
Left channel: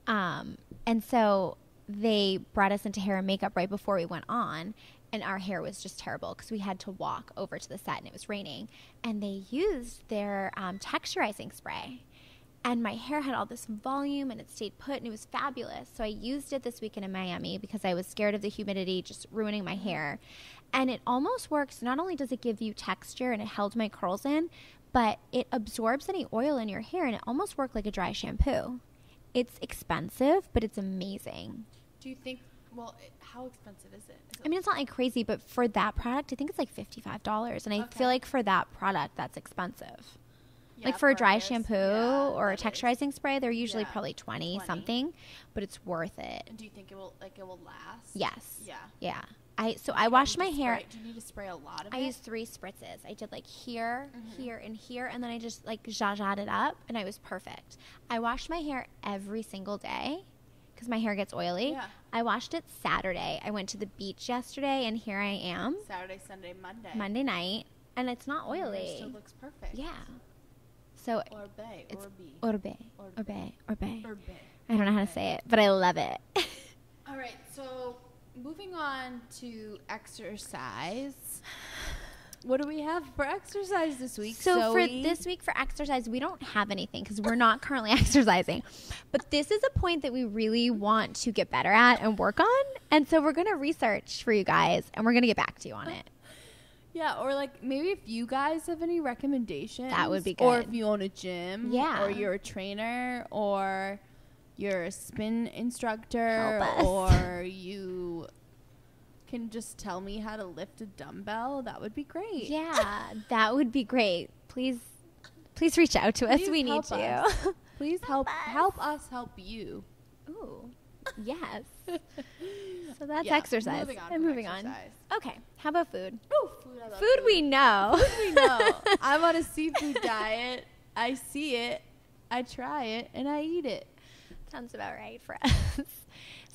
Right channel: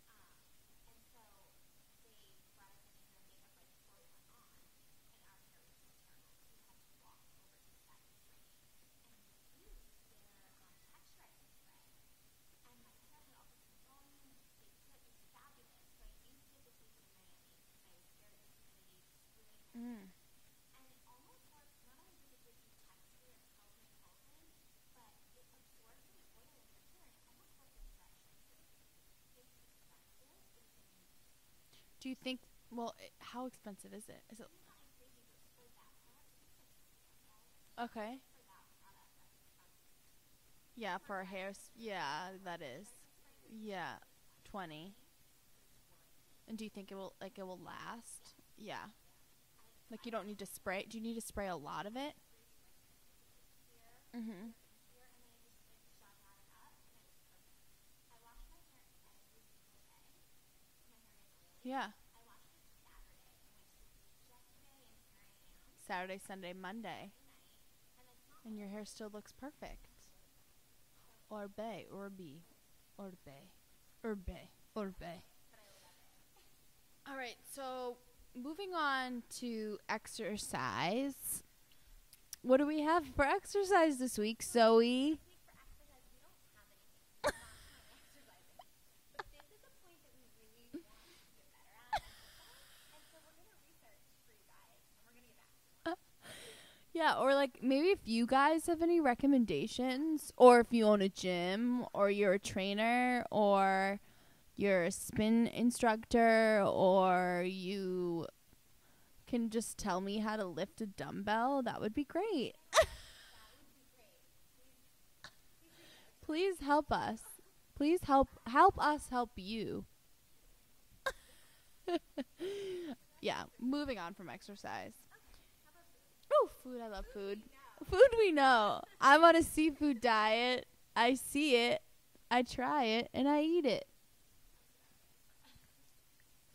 And so they brought us into hair and makeup right before we went on. And our hair was just terrible because we had to walk over to the set and it was raining. And they used their texturizing spray. And my hair had all this volume and it stayed put and it was fabulous. So I used it this weekend in Miami because I was scared of the humidity just ruining my hair. And it almost works. Not only does it give you texture and it held my curls in, but it absorbs any oil in your hair and it almost worked like a dry shampoo. It's expensive, but it's amazing. Do you think, well, how expensive is it? I mean, it's not like crazy, but for that product, I think it's like $55. And I Okay. feel like for that product, that's expensive. Yeah, like for a dry hair, shampoo yeah, or a that is. texturizing spray, they're usually Yeah. probably 20 20. something, but it's worth it. And do you think it will last? Yes. Yeah. Yeah. You I don't washed need my to hair. spray- Do you need to spray a lot of I it? used 3 spritzes. I did like here, Mhm. here, and here, and then I just like zhazhed it up, and I was perfect. I washed my hair every single day because my hair gets oily. Yeah. I washed it Saturday. I went to the beach yesterday, and here I am, Saturday, Sunday, Monday. Monday night, and it's not And your oily. hair still looks perfect. Yeah. So Orbe. It's Orbe. Orbe. Orbe. Orbe. Orbe. Orbe. I don't know how to Orbe. say it, but I love it. All right, so moving on to exercise. What do we have for exercise this week, So Zoe? for this week for exercise, we don't have anything because we're not currently exercising. But this is a point that we really want to get better at and work on. And so we're going to research for you guys, and we're going to get back to you on it. Yeah, or like maybe if you guys have any recommendations. That would be Or good. if you own a gym. Yeah. Or you're a trainer. Or you're a spin instructor. Help us. Or you can just tell me how to lift a dumbbell. That would be great. Yeah, that would be great. Please reach out to us. Please We need help to. us. Please help us help you. Ooh, yes. So that's Yeah, exercise. Moving on And from moving exercise. on. Okay, how about food? Oh, food. I love Food we know. Food we know. I'm on a seafood diet. I see it. I try it. And I eat it. Sounds about right for us.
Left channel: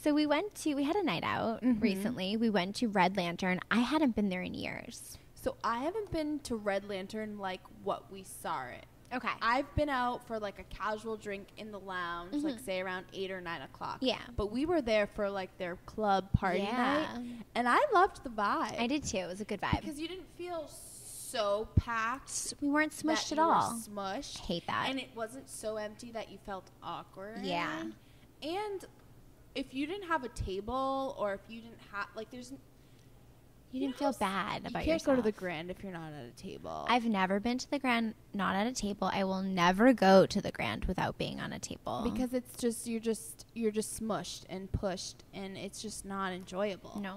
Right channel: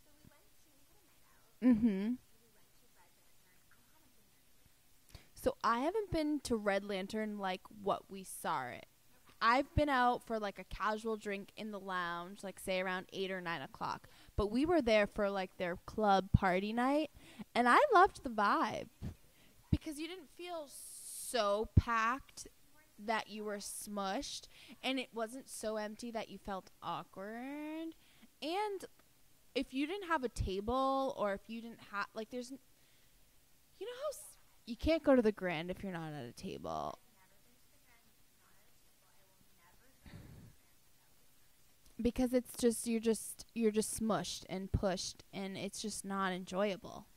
So we had a night out Mhm. recently. We went to Red Lantern. I hadn't been there in years. So I haven't been to Red Lantern like what we saw it. Okay. I've been out for like a casual drink in the lounge, like Mhm. say around 8 or 9 o'clock. Yeah. But we were there for like their club party Yeah. night. And I loved the vibe. I did too. It was a good vibe. Because you didn't feel so packed We weren't that smushed at you were all. smushed. Hate that. And it wasn't so empty that you felt awkward. Yeah. And if you didn't have a table or if you didn't have, like, there's, you know didn't how feel s- bad you about can't go to the yourself. Grand if you're not at a table. I've never been to the Grand not at a table. I will never go to the Grand without being on a table. because it's just, you're just smushed and pushed and it's just not enjoyable. no.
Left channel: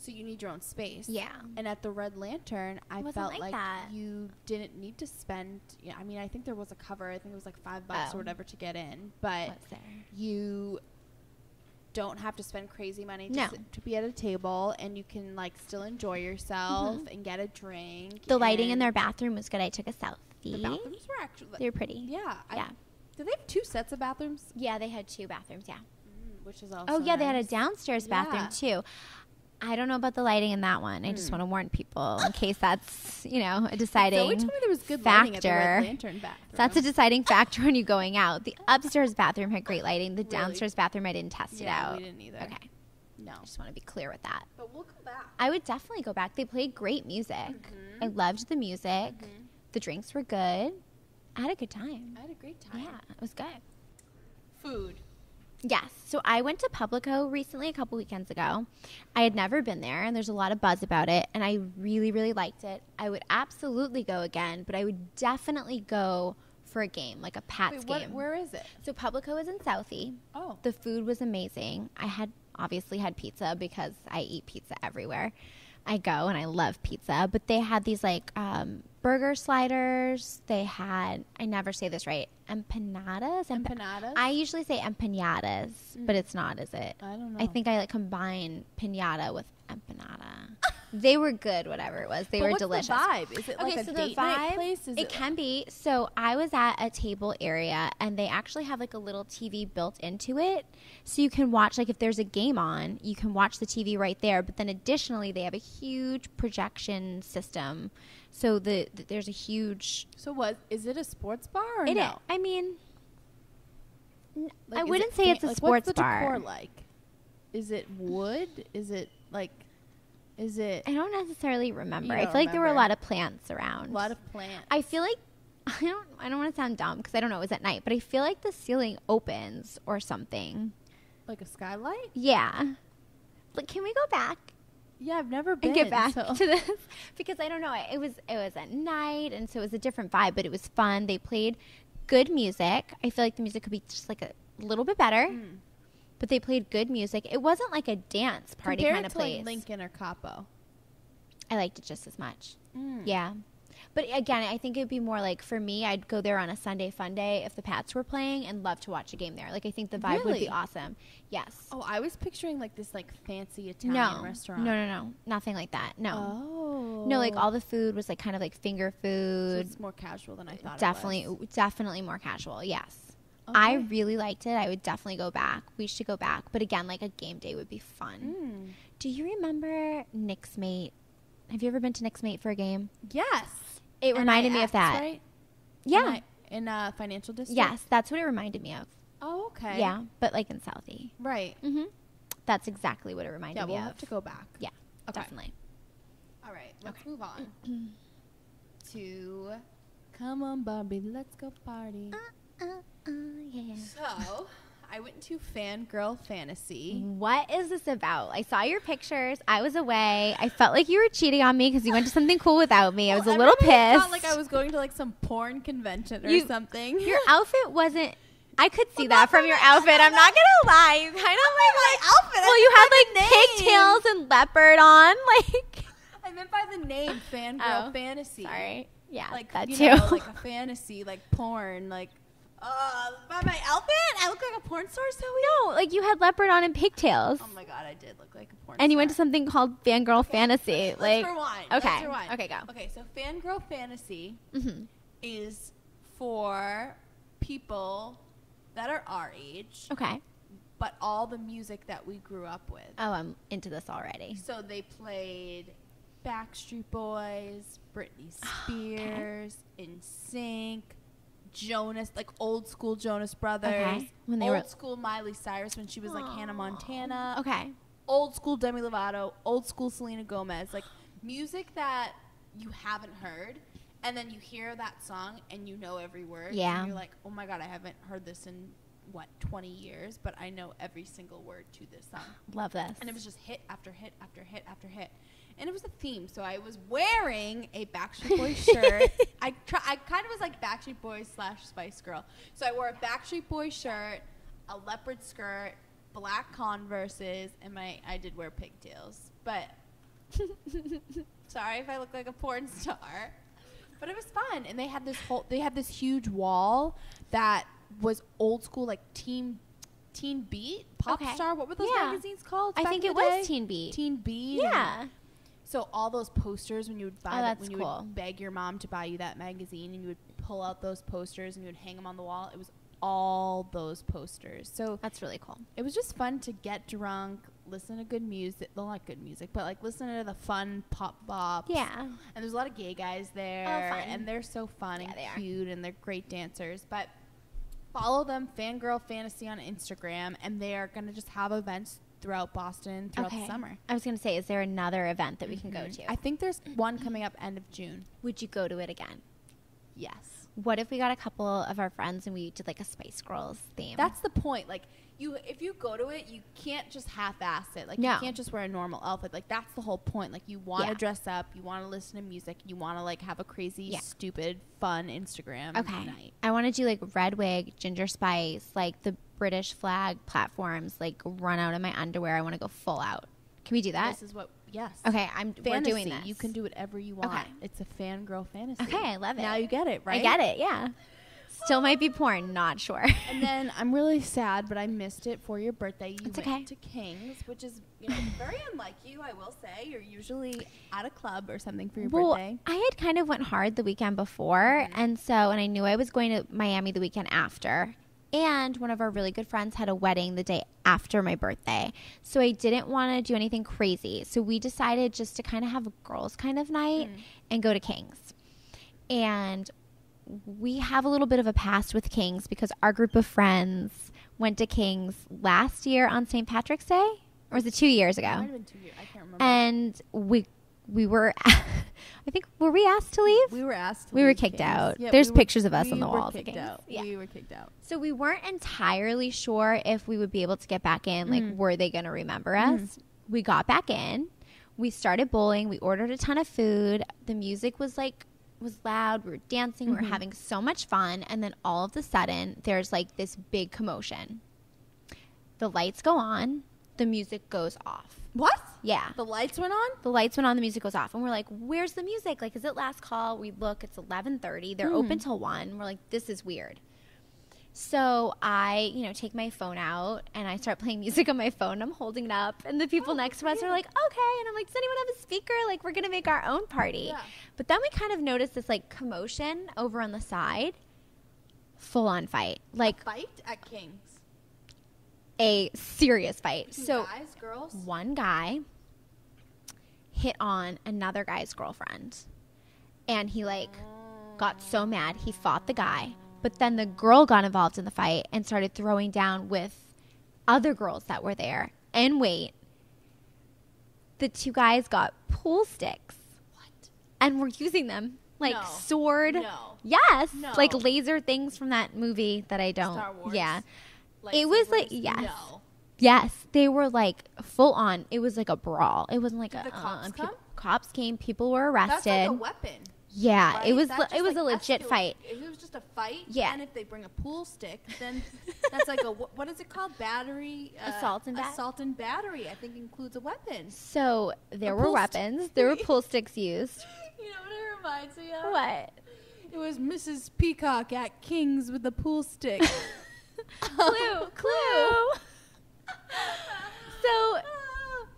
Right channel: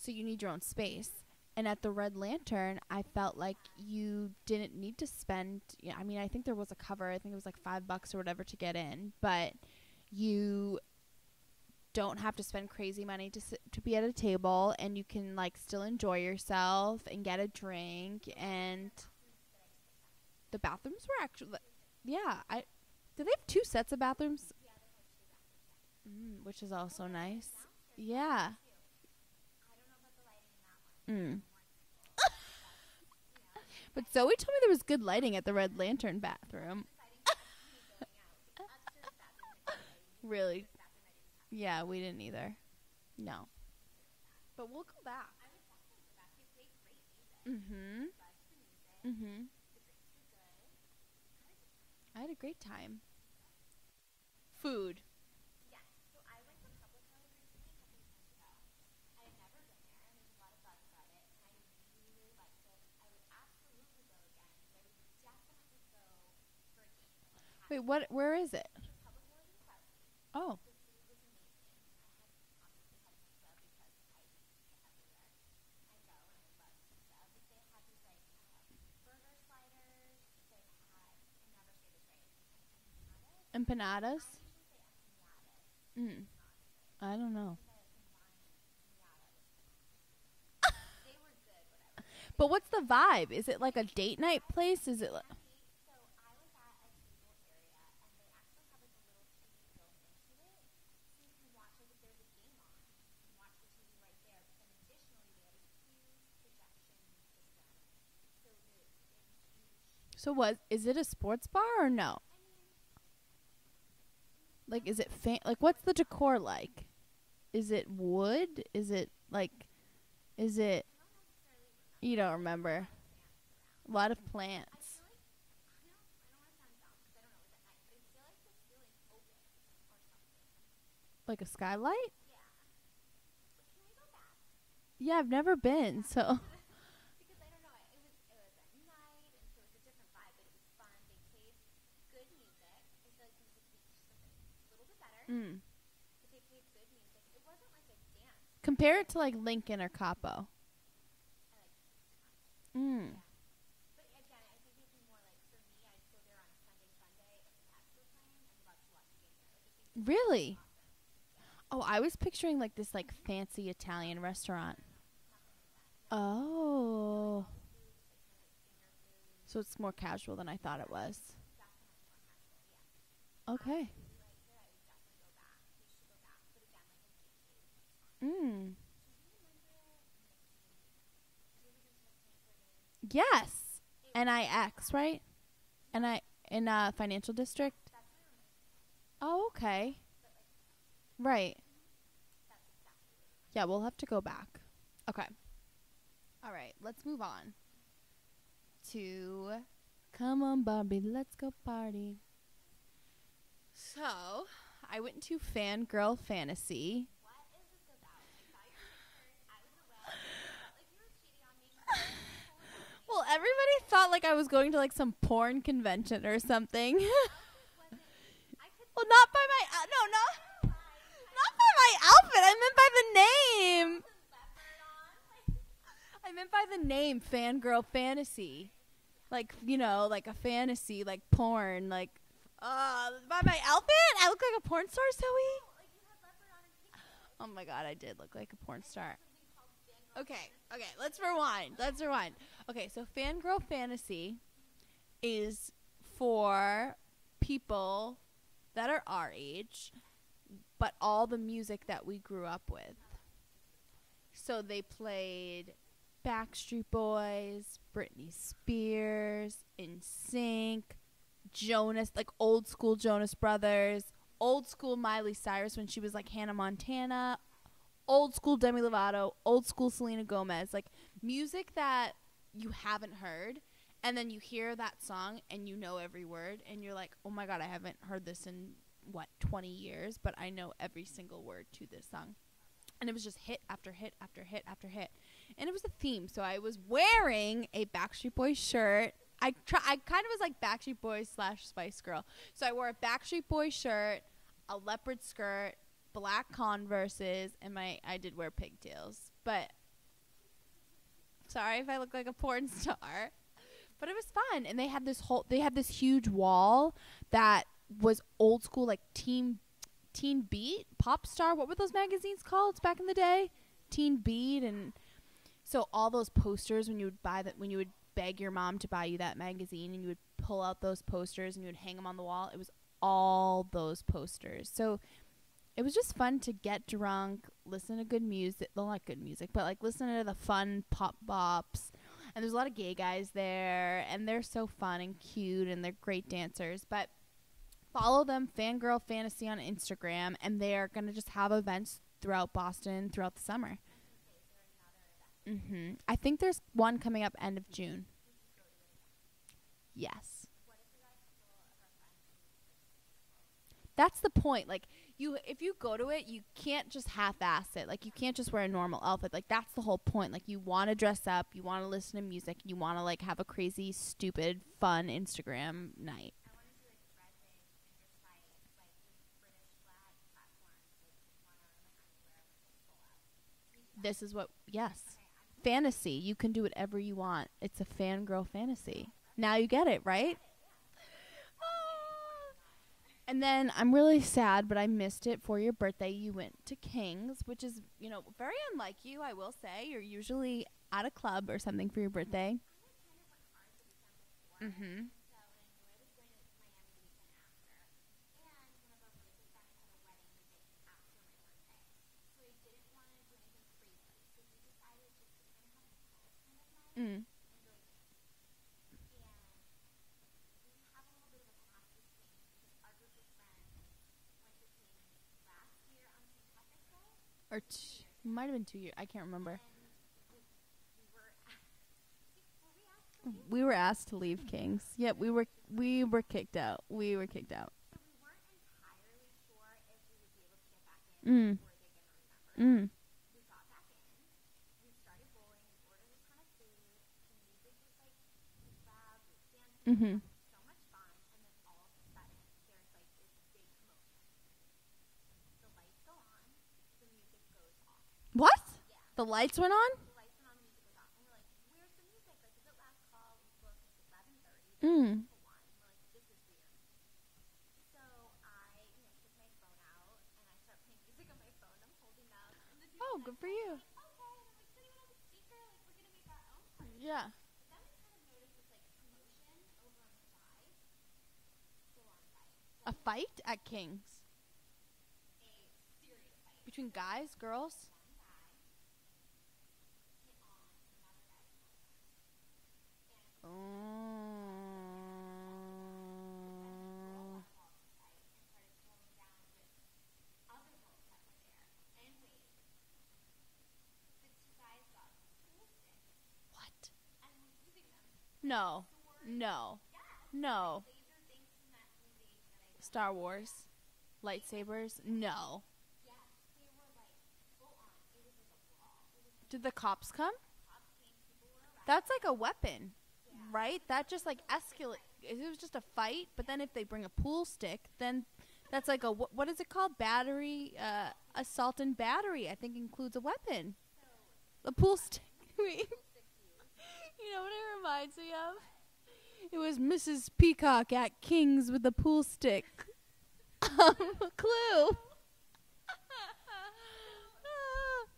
So you need your own space. Yeah. And at the Red Lantern, I wasn't felt like like that. you didn't need to spend. Yeah, I mean, I think there was a cover. I think it was like $5 Oh. or whatever to get in, but What's there? you don't have to spend crazy money to, No. to be at a table, and you can like still enjoy yourself and get a drink. The lighting in and their bathroom was good. I took a selfie. The bathrooms were actually. They were pretty. Yeah. Yeah. Do they have 2 sets of bathrooms? Yeah, they had 2 bathrooms. Yeah. Which is also. Oh yeah, they had a nice. downstairs Yeah. bathroom too. I don't know about the lighting in that one. I just want to warn people in case that's, a deciding Zoe told me there was good lighting at the Red factor. Lantern bathroom. That's a deciding factor when you're going out. The upstairs bathroom had great lighting. The Really? downstairs bathroom I didn't test it Yeah, out. we didn't either. Okay. No. Just want to be clear with that. But we'll go back. I would definitely go back. They played great music. Mhm. I loved the music. Mhm. The drinks were good. I had a good time. I had a great time. Yeah, it was good. Food. Yes. So I went to Publico recently, a couple weekends ago. I had never been there, and there's a lot of buzz about it, and I really, really liked it. I would absolutely go again, but I would definitely go for a game, like a Pats game. Where is it? So Publico is in Southie. Oh. The food was amazing. I had obviously had pizza because I eat pizza everywhere I go, and I love pizza. But they had these like burger sliders. They had, I never say this right, empanadas. Empanadas? I usually say empanadas, but it's not, is it? I don't know. I think I like combine pinata with empanada. They were good, whatever it was. They were delicious. What's the vibe? Is it like Okay, a so the date night vibe, place? It can be. So I was at a table area, and they actually have like a little TV built into it. So you can watch, like if there's a game on, you can watch the TV right there. But then additionally, they have a huge projection system. So there's a huge... So is it a sports bar or no? I mean, like, I wouldn't say it's a sports what's the bar. decor like? Is it wood? Is it like... Is it... I don't necessarily remember. You I don't feel like there were a remember. lot of plants around. A lot of plants. I feel like I don't want to sound dumb because I don't know, it was at night, but I feel like the ceiling opens or something. Like a skylight? Yeah. Like, can we go back Yeah, I've never been. and get back so. to this? Because I don't know. It was at night, and so it was a different vibe, but it was fun. They played good music. I feel like the music could be just like a little bit better. But they played good music. It wasn't like a dance party Compare kind it of to place. like Lincoln or Capo. I liked it just as much. Yeah. But again, I think it'd be more like, for me, I'd go there on a Sunday fun day if the Pats were playing and love to watch a game there. Like, I think the vibe would be awesome. Yes. Oh, I was picturing like this like fancy Italian restaurant. No. Nothing like that. No. Oh. No, like all the food was like kind of like finger food. So it's more casual than I thought Definitely, it was. Definitely more casual. Yes. Okay. I really liked it. I would definitely go back. We should go back. But again, like a game day would be fun. Do you remember Nick's Mate? Have you ever been to Nick's Mate for a game? Yes. It reminded me of that. Right? Yeah. In Financial District? Yes, that's what it reminded me of. Oh, okay. Yeah, but like in Southie. Right. That's exactly what it reminded me of. Yeah, we'll have to go back. Yeah, okay. definitely. All right, let's move on to Come on, Barbie, let's go party. Yeah. So, I went to Fangirl Fantasy. What is this about? I saw your pictures. I was away. I felt like you were cheating on me because you went to something cool without me. I was a little pissed. I thought like I was going to like some porn convention or something. Your outfit wasn't... I could see that from your outfit. I'm not gonna lie. You kind of like my outfit. Well, you had like pigtails and leopard on. Like, I meant by the name Fangirl Fantasy. Sorry. Yeah, like that you too. know, like a fantasy, like porn, like. By my outfit, I look like a porn star. So no, like you had leopard on and pigtails. Oh my god, I did look like a porn star. And you went to something called Fangirl Fantasy. Okay, like, let's rewind. Okay. Let's rewind. Okay, go. Okay, so Fangirl Fantasy is for people that are our age. Okay. But all the music that we grew up with. Oh, I'm into this already. So they played Backstreet Boys, Britney Spears, NSYNC, Jonas, like old school Jonas Brothers, old school Miley Cyrus when she was like Hannah Montana. Okay. Old school Demi Lovato, old school Selena Gomez, like music that you haven't heard. And then you hear that song and you know every word. Yeah. And you're like, oh my God, I haven't heard this in, 20 years? But I know every single word to this song. Love this. And it was just hit after hit after hit after hit. And it was a theme. So I was wearing a Backstreet Boys shirt. I kind of was like Backstreet Boys / Spice Girl. So I wore a Backstreet Boys shirt, a leopard skirt, black Converses, and I did wear pigtails. But sorry if I look like a porn star. But it was fun, and they had this huge wall that was old school, like Teen Beat, Pop Star. What were those magazines called back in the day? I think it was Teen Beat. Teen Beat. Yeah. So all those posters when you would buy that's when you would beg your mom to buy you that magazine, and you would pull out those posters and you would hang them on the wall. It was all those posters. So that's really cool. It was just fun to get drunk, listen to good music. Well, not good music, but like listen to the fun pop bops. Yeah. And there's a lot of gay guys there, and they're so fun and cute, and they're great dancers. But follow them, Fangirl Fantasy, on Instagram, and they are going to just have events throughout Boston throughout the summer. I was going to say, is there another event that we can go to? I think there's one coming up end of June. Would you go to it again? Yes. what if we got a couple of our friends and we did like a Spice Girls theme? That's the point. Like, if you go to it, you can't just half-ass it. Like, No. you can't just wear a normal outfit. Like, that's the whole point. Like, you want to dress up, you want to listen to music, you want to like have a crazy, stupid, fun Instagram night. I want to do like red wig, ginger spice, like the British flag platforms, like run out in my underwear. I want to go full out. Can we do that? This is what, yes. Okay, we're doing fantasy. this. You can do whatever you want. Okay. It's a fangirl fantasy. Okay, I love it. Now you get it, right? I get it, yeah. Still might be porn, not sure. And then I'm really sad, but I missed it for your birthday. You It's went okay. to King's, which is, very unlike you, I will say. You're usually at a club or something for your birthday. I had kind of went hard the weekend before, and I knew I was going to Miami the weekend after. And one of our really good friends had a wedding the day after my birthday. So I didn't want to do anything crazy. So we decided just to kind of have a girls kind of night and go to King's. And we have a little bit of a past with King's because our group of friends went to King's last year on St. Patrick's Day. Or was it 2 years ago? It might have been 2 years. I can't remember. And we were, I think, were we asked to leave? We were asked to We leave were kicked King's. out. Yeah, There's pictures of us on the walls. walls. We were kicked out. Yeah. We were kicked out. So we weren't entirely sure if we would be able to get back in. Like, were they going to remember us? We got back in. We started bowling. We ordered a ton of food. The music was loud. We were dancing. We were having so much fun. And then all of a sudden, there's like this big commotion. The lights go on. The music goes off. What? Yeah. The lights went on? The lights went on, the music goes off. And we're like, where's the music? Like, is it last call? We look, it's 11:30. They're open till 1. We're like, this is weird. So I, take my phone out and I start playing music on my phone. I'm holding it up. And the people next to us are like, okay. And I'm like, does anyone have a speaker? Like, we're going to make our own party. Yeah. But then we kind of noticed this, like, commotion over on the side. Full-on fight. Like, A fight at King's. a serious fight. Between So guys, girls? one guy hit on another guy's girlfriend, and he got so mad he fought the guy, but then the girl got involved in the fight and started throwing down with other girls that were there. And wait, the two guys got pool sticks. What? And were using them like No. sword. No. Yes. No. Like laser things from that movie that I don't. Star Wars? Yeah. It was like, Lightsabers? yes. No. Yes, they were like full on. It was like a brawl. It wasn't like Did a. the cops come? Cops came. People were arrested. That's like a weapon. Yeah, Right? it was. That It was just, a legit fight. If it was just a fight, Yeah. and if they bring a pool stick, then that's like a what is it called? Battery. Assault and battery. I think includes a weapon. So there A were pool weapons. There were pool sticks used. You know what it reminds me of? What? It was Mrs. Peacock at King's with a pool stick. Clue. So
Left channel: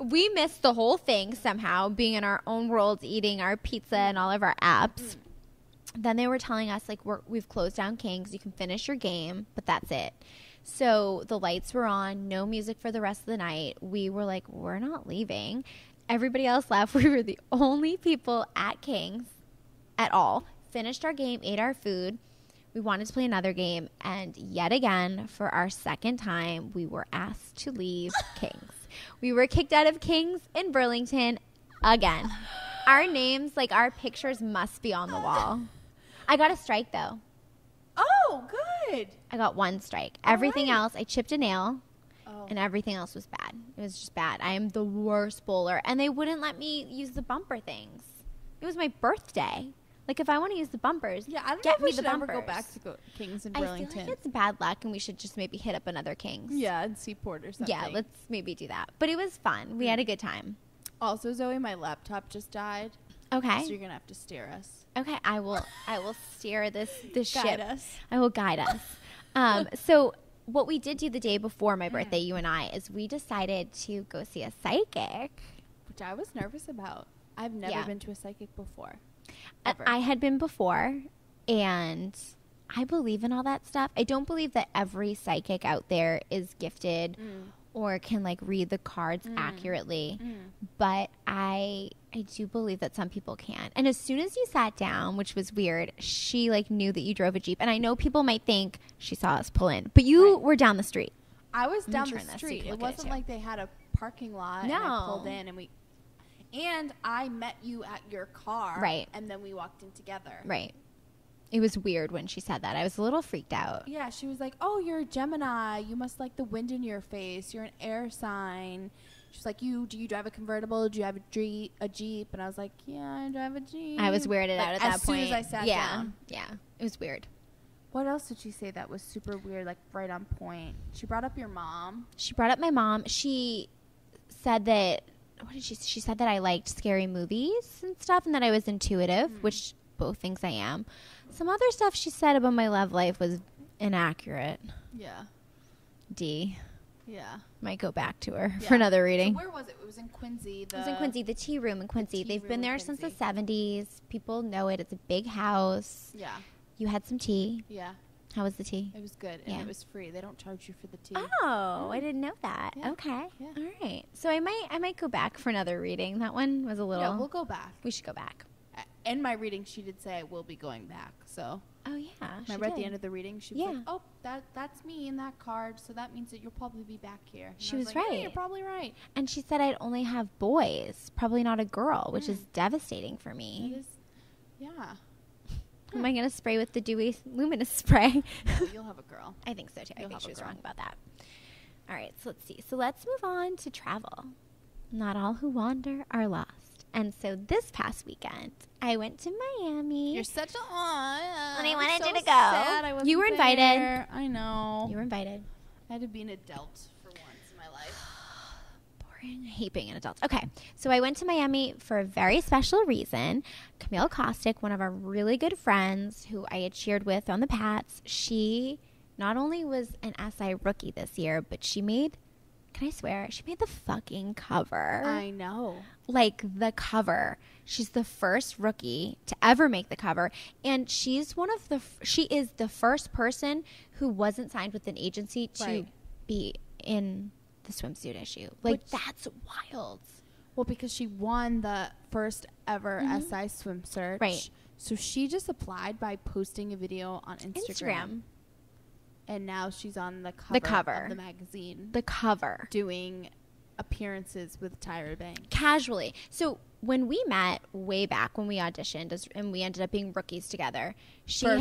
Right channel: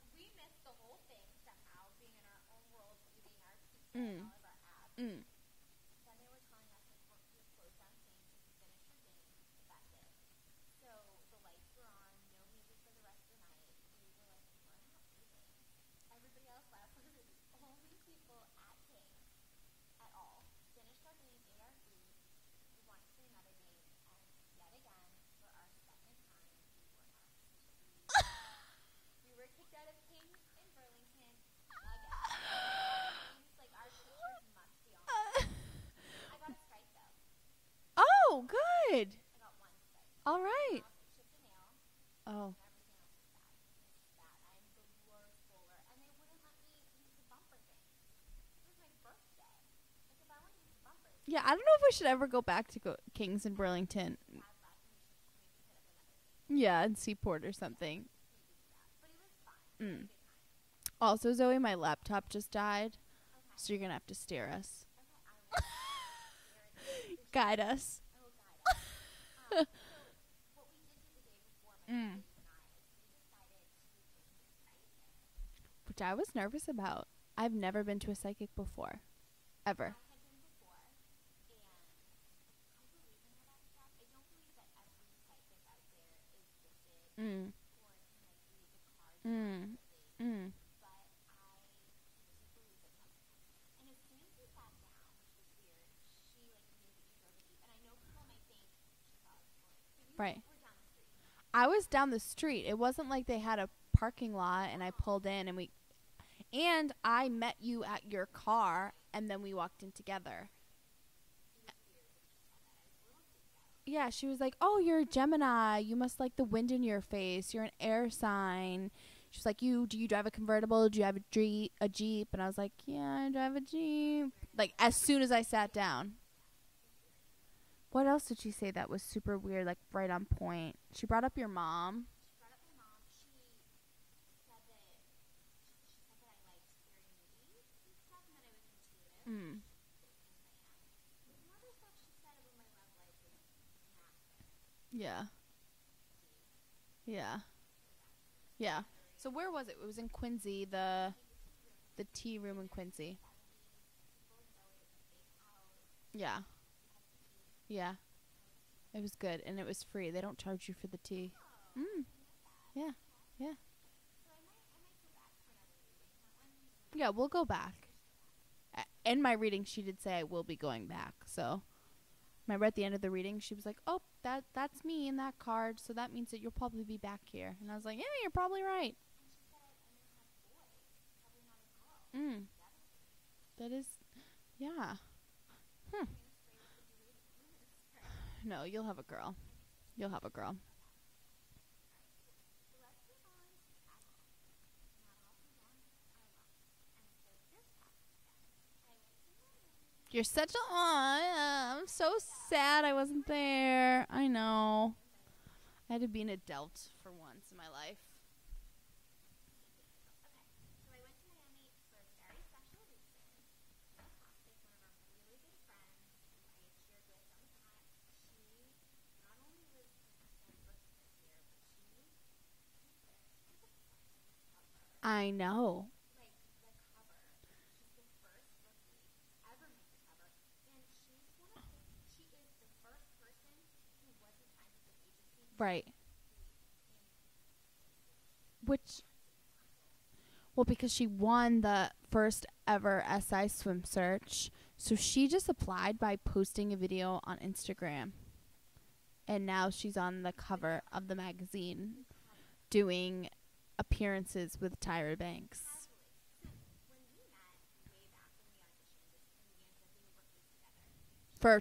we missed the whole thing somehow, being in our own worlds, eating our pizza and all of our apps. Then they were telling us, like, we've closed down King's. You can finish your game, but that's it. So the lights were on, no music for the rest of the night. We were like, we're not leaving. Everybody else left. We were the only people at King's at all. Finished our game, ate our food. We wanted to play another game. And yet again, for our second time, we were asked to leave King's. We were kicked out of King's in Burlington again. Our names, like our pictures, must be on the wall. I got a strike, though. Oh, good. I got one strike. All Everything right. else, I chipped a nail. Oh. And everything else was bad. It was just bad. I am the worst bowler. And they wouldn't let me use the bumper things. It was my birthday. Like, if I want to use the bumpers. Yeah, I don't get know if me we the should ever go bumpers. back to King's in I feel Burlington. like it's bad luck, and we should just maybe hit up another King's. Yeah, in Seaport or something. Yeah, let's maybe do that. But it was fun. We had a good time. Also, Zoe, my laptop just died. Okay. So you're gonna have to steer us. Okay, I will steer this Guide ship. us. I will guide us. So what we did do the day before my birthday, you and I, is we decided to go see a psychic. Which I was nervous about. I've never Yeah. been to a psychic before. Ever. I had been before, and I believe in all that stuff. I don't believe that every psychic out there is gifted or can like read the cards accurately, but I do believe that some people can. And as soon as you sat down, which was weird, she like knew that you drove a Jeep. And I know people might think she saw us pull in, but you were down the street. I was I'm down the trying to see street. if It you'll get wasn't it, like they had a parking lot and I pulled No. in and I met you at your car. Right. And then we walked in together. Right. It was weird when she said that. I was a little freaked out. Yeah, she was like, oh, you're a Gemini. You must like the wind in your face. You're an air sign. She's like, do you drive a convertible? Do you have a Jeep? And I was like, yeah, I drive a Jeep. I was weirded out at that point. As soon as I sat down. Yeah, it was weird. What else did she say that was super weird, like right on point? She brought up your mom. She brought up my mom. She said that, she said that I liked scary movies and stuff and that I was intuitive, which both things I am. Some other stuff she said about my love life was inaccurate. Yeah. D. Yeah. Might go back to her for another reading. So where was it? It was in Quincy. It was in Quincy, the tea room in Quincy. They've been there since the 70s. People know it. It's a big house. Yeah. You had some tea. Yeah. How was the tea? It was good, and it was free. They don't charge you for the tea. Oh, I didn't know that. Yeah. Okay. Yeah. All right. So I might go back for another reading. That one was a little. Yeah, we'll go back. We should go back. In my reading, she did say I will be going back. So. Oh yeah. Remember at the end of the reading, she was like, Yeah. "Oh, that's me in that card. So that means that you'll probably be back here." And She I was like, right. Yeah, you're probably right. And she said I'd only have boys, probably not a girl, which is devastating for me. That is, yeah. Am I gonna spray with the dewy luminous spray? No, you'll have a girl. I think so too. You'll I think have she a was girl. wrong about that. All right, so let's see. So let's move on to travel. Not all who wander are lost. And so this past weekend, I went to Miami. You're such a I wanted so you to go. Sad I wasn't You were invited. there. I know. You were invited. I had to be an adult for once in my life. Boring. I hate being an adult. Okay, so I went to Miami for a very special reason. Camille Kostek, one of our really good friends who I had cheered with on the Pats, she not only was an SI rookie this year, but she made, can I swear, she made the fucking cover. I know. Like the cover. She's the first rookie to ever make the cover. And she's she is the first person who wasn't signed with an agency to be in the swimsuit issue. Like, that's wild. Well, because she won the first ever SI swim search. Right. So she just applied by posting a video on Instagram. And now she's on the cover of the magazine. The cover. Doing appearances with Tyra Banks. Casually. So when we met way back when we auditioned and we ended up being rookies together. For